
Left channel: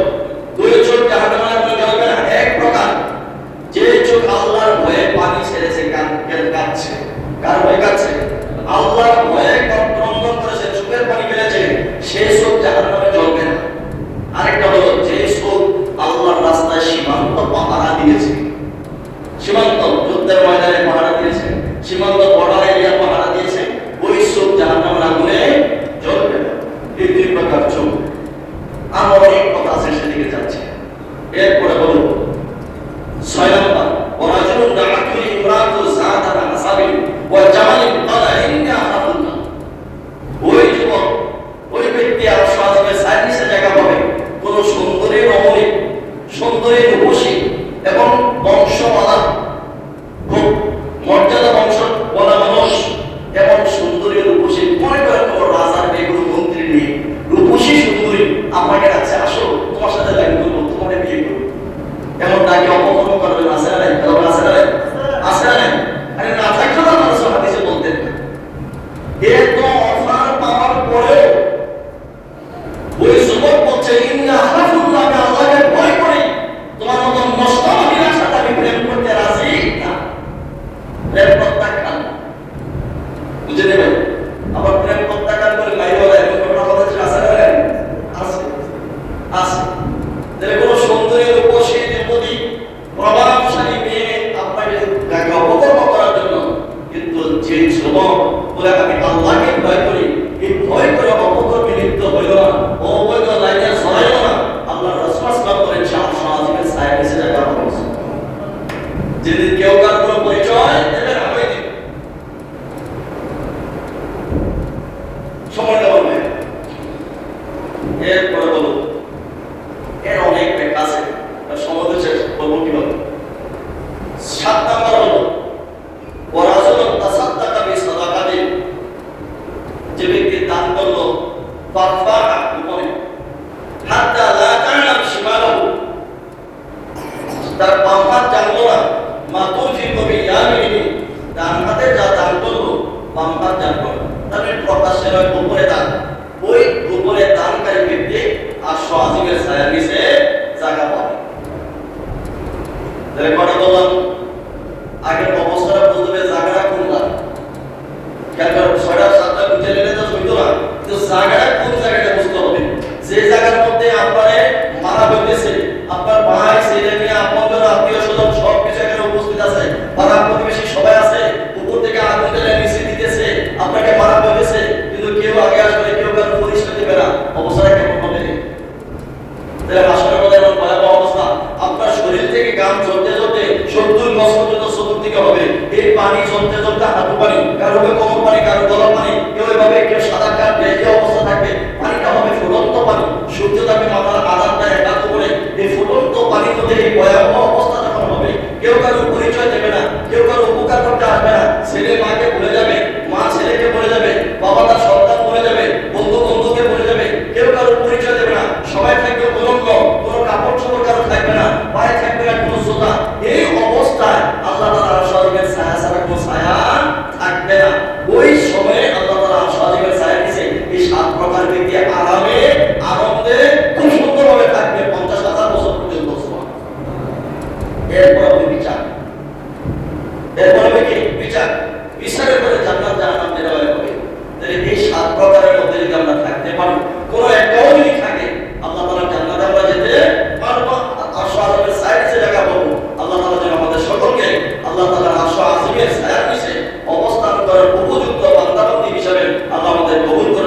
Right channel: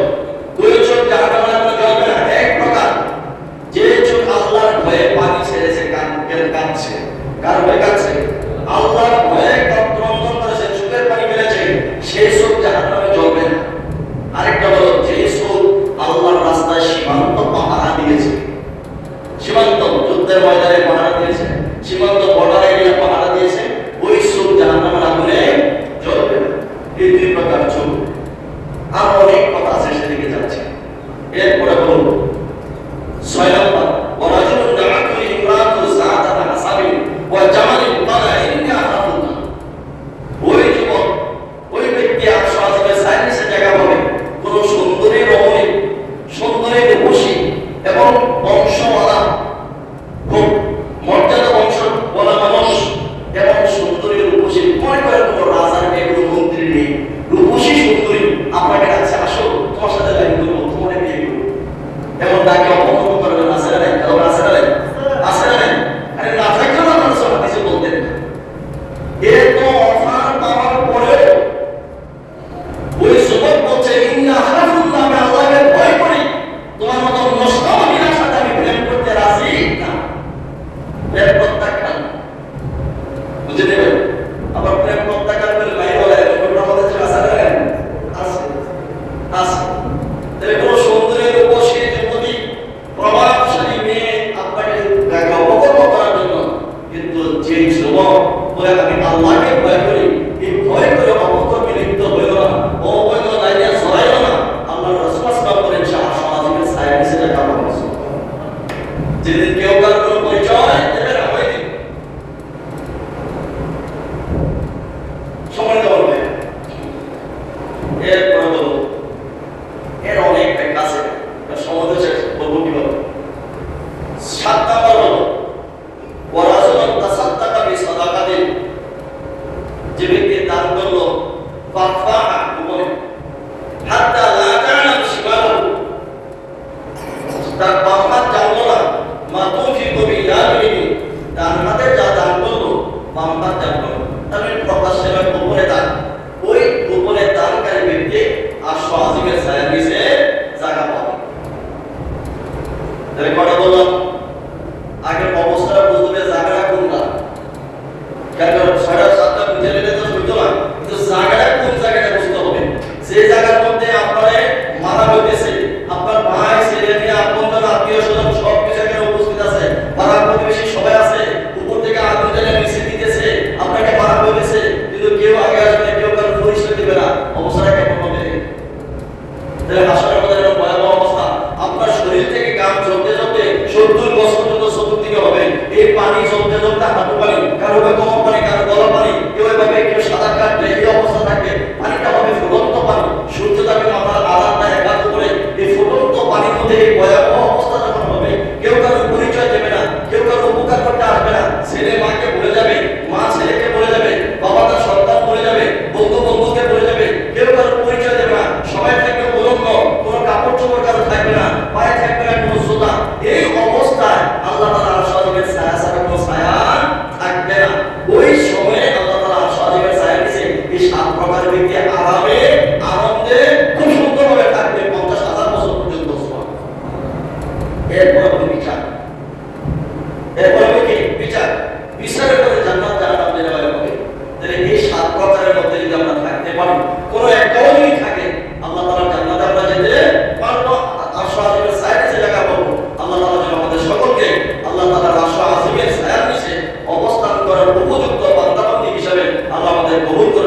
দুই চোখ জাহান্নামের আগুনে জ্বলবে না। এক প্রকার যে চোখ আল্লাহর ভয়ে পানি ছেড়েছে, কাঁদছে। কার ভয়ে কাঁদছে? আল্লাহর ভয়ে ক্রন্দন করেছে, চোখের পানি ফেলেছে, সেই চোখ জাহান্নামে জ্বলবে না। আরেকটা হলো যে চোখ আল্লাহর রাস্তায় সীমান্ত পাহারা দিয়েছে, সীমান্ত যুদ্ধের ময়দানে পাহারা দিয়েছে, সীমান্ত বর্ডার এরিয়া পাহারা দিয়েছে, ওই চোখ জাহান্নামের আগুনে জ্বলবে না। এই 2 প্রকার চোখ। আর অনেক কথা আছে, সেদিকে যাচ্ছে। এরপরে বলুন 6 নম্বর, ওয়ারাজুলুন দাআতুহু ইমরাতু যাতাহা হাসাবিন ওয়া জামালিন ক্বালা ইন্নী আখাফুল্লাহ। ওই যুবক, ওই ব্যক্তি আরশ আজিমের সাইনিসে জায়গা পাবে, কোন সুন্দরী রমণী, সুন্দরী রূপসী এবং বংশমালা, খুব মর্যাদা বংশ বলা মানুষ এবং সুন্দরী রূপসী, মনে করেন কোন রাজার মেয়ে, কোন মন্ত্রীর মেয়ে, রূপসী সুন্দরী আপনাকে কাছে আসো, তোমার সাথে লাইন করবো, তোমাকে বিয়ে করবো, এমন তাকে অপমান করবেন। আছে না নাই? কারণ আছে না নাই? আছে না নাই? আরে না থাকলে তো আপনারা সব হাদিসে বলতেন। এত অফার পাওয়ার পরেও ওই যুবক বলছে, ইন্নী আখাফুল্লাহ, আমি আল্লাহকে ভয় করি, তোমার মতো নষ্ট মহিলার সাথে আমি প্রেম করতে রাজি না। প্রেম প্রত্যাখ্যান, বুঝে নেবেন? আবার প্রেম প্রত্যাখ্যান করে লাইওয়ালা এরকম কথা আছে না? আছে, আছে। তাহলে কোন সুন্দরী রূপসী যুবতী প্রভাবশালী মেয়ে আপনাকে অপকর্ম করার জন্য, কিন্তু যে যুবক বলে আমি আল্লাহকে ভয় করি, এই ভয় করে অপকর্মে লিপ্ত হইল না, অবৈধ লাইনে জড়াইল না, আল্লাহ রাসূল সাল্লাল্লাহু আলাইহি ওয়াসাল্লামের ছায়ার নিচে জায়গা পাবে। যেদিন কেউ কারো কোনো পরিচয় দেবে না, ওই দিন সময় দেওয়া হবে। এরপরে বলুন, এর অনেক ব্যাখ্যা আছে, সমাজে শেষ করবো কিভাবে। 7 নম্বর হলো ওয়ারাজুলুন তাসাদ্দাকা বিসাদাকাতিন, যে ব্যক্তি দান করলো ফাফাহা গোপনে, হাত্তা লা তা'লাম শিমালু, তার তাহলে কটা বললাম? আগের অবস্থাটা বলতে হবে জায়গাটা কোনটা। কেন ছয়টা সাতটা বুঝে নিলে তো হইতো না, কিন্তু জায়গাটা কোন জায়গাটা বুঝতে হবে। যে জায়গার মধ্যে আপনার মারা হইতেছে, আপনার ভাই ছেলে মেয়ে আপনার আত্মীয় স্বজন সব কিছু এখানে উপস্থিত আছে, পাড়া প্রতিবেশী সবাই আছে, উপর থেকে আগুন টেনে নিচে দিতেছে, আপনাকে মারা হইতেছে, কিন্তু কেউ আগে আসবে, কেউ কারো পরিচয় দেবে না। অবস্থাটা কেমন হবে? হাসরের মধ্যে এমন ভয়াবহ অবস্থা, আপনার শরীর থেকে ঘাম ঝরতে ঝরতে 70 বছর পর্যন্ত চতুর্দিকে হবে। এই পানি ঝরতে ঝরতে হাঁটু পানি, কারো হবে কোমর পানি, কারো গলা পানি, কেউ এভাবে কেউ সাদা কাটবে, এই অবস্থা থাকবে। পানিটা হবে ফুটন্ত পানি, সূর্য তাকে মাথার আধারটা একাত করে এই ফুটন্ত পানির মধ্যে এই ভয়াবহ অবস্থা যখন হবে, কেউ কারো পরিচয় দেবে না, কেউ কারো উপকার করতে আসবে না। ছেলে মাকে ভুলে যাবে, মা ছেলেকে ভুলে যাবে, বাবা তার সন্তান ভুলে যাবে, বন্ধু বন্ধুকে ভুলে যাবে, কেউ কারো পরিচয় দেবে না। সবাই থাকবে উলঙ্গ, কোনো কাপড় চোপড় কারো থাকবে না, পায়ে থাকবে না কোনো জুতা। এই অবস্থায় আল্লাহ তাআলা আরশের ছায়া ছাড়া কোনো ছায়া থাকবে না। ওই সময়ে আল্লাহ তাআলা আরশের ছায়া দিয়েছে এই 7 প্রকার ব্যক্তি আরামে আনন্দে খুব সুন্দরভাবে থাকবে 50,000 বছর পর্যন্ত। এরপর হবে বিচার, এরপর হবে কি? বিচার। বিচারের পরে জান্নাত জাহান্নাম দেওয়া হবে। তাহলে এই 7 প্রকারের মধ্যে যদি আমরা থাকতে পারি, কোনো একটাও যদি থাকে, আল্লাহ তাআলা জান্নাতে আমরা যেতে পারবো। আরশের ছায়ার নিচে জায়গা পাবো। আল্লাহ তাআলা যেন আমাদের সকলকে আল্লাহ তাআলার আরশের ছায়ার নিচে অবস্থান করার উপযুক্ত বান্দা-বান্দী হিসেবে আল্লাহ আমাদের কবুল করে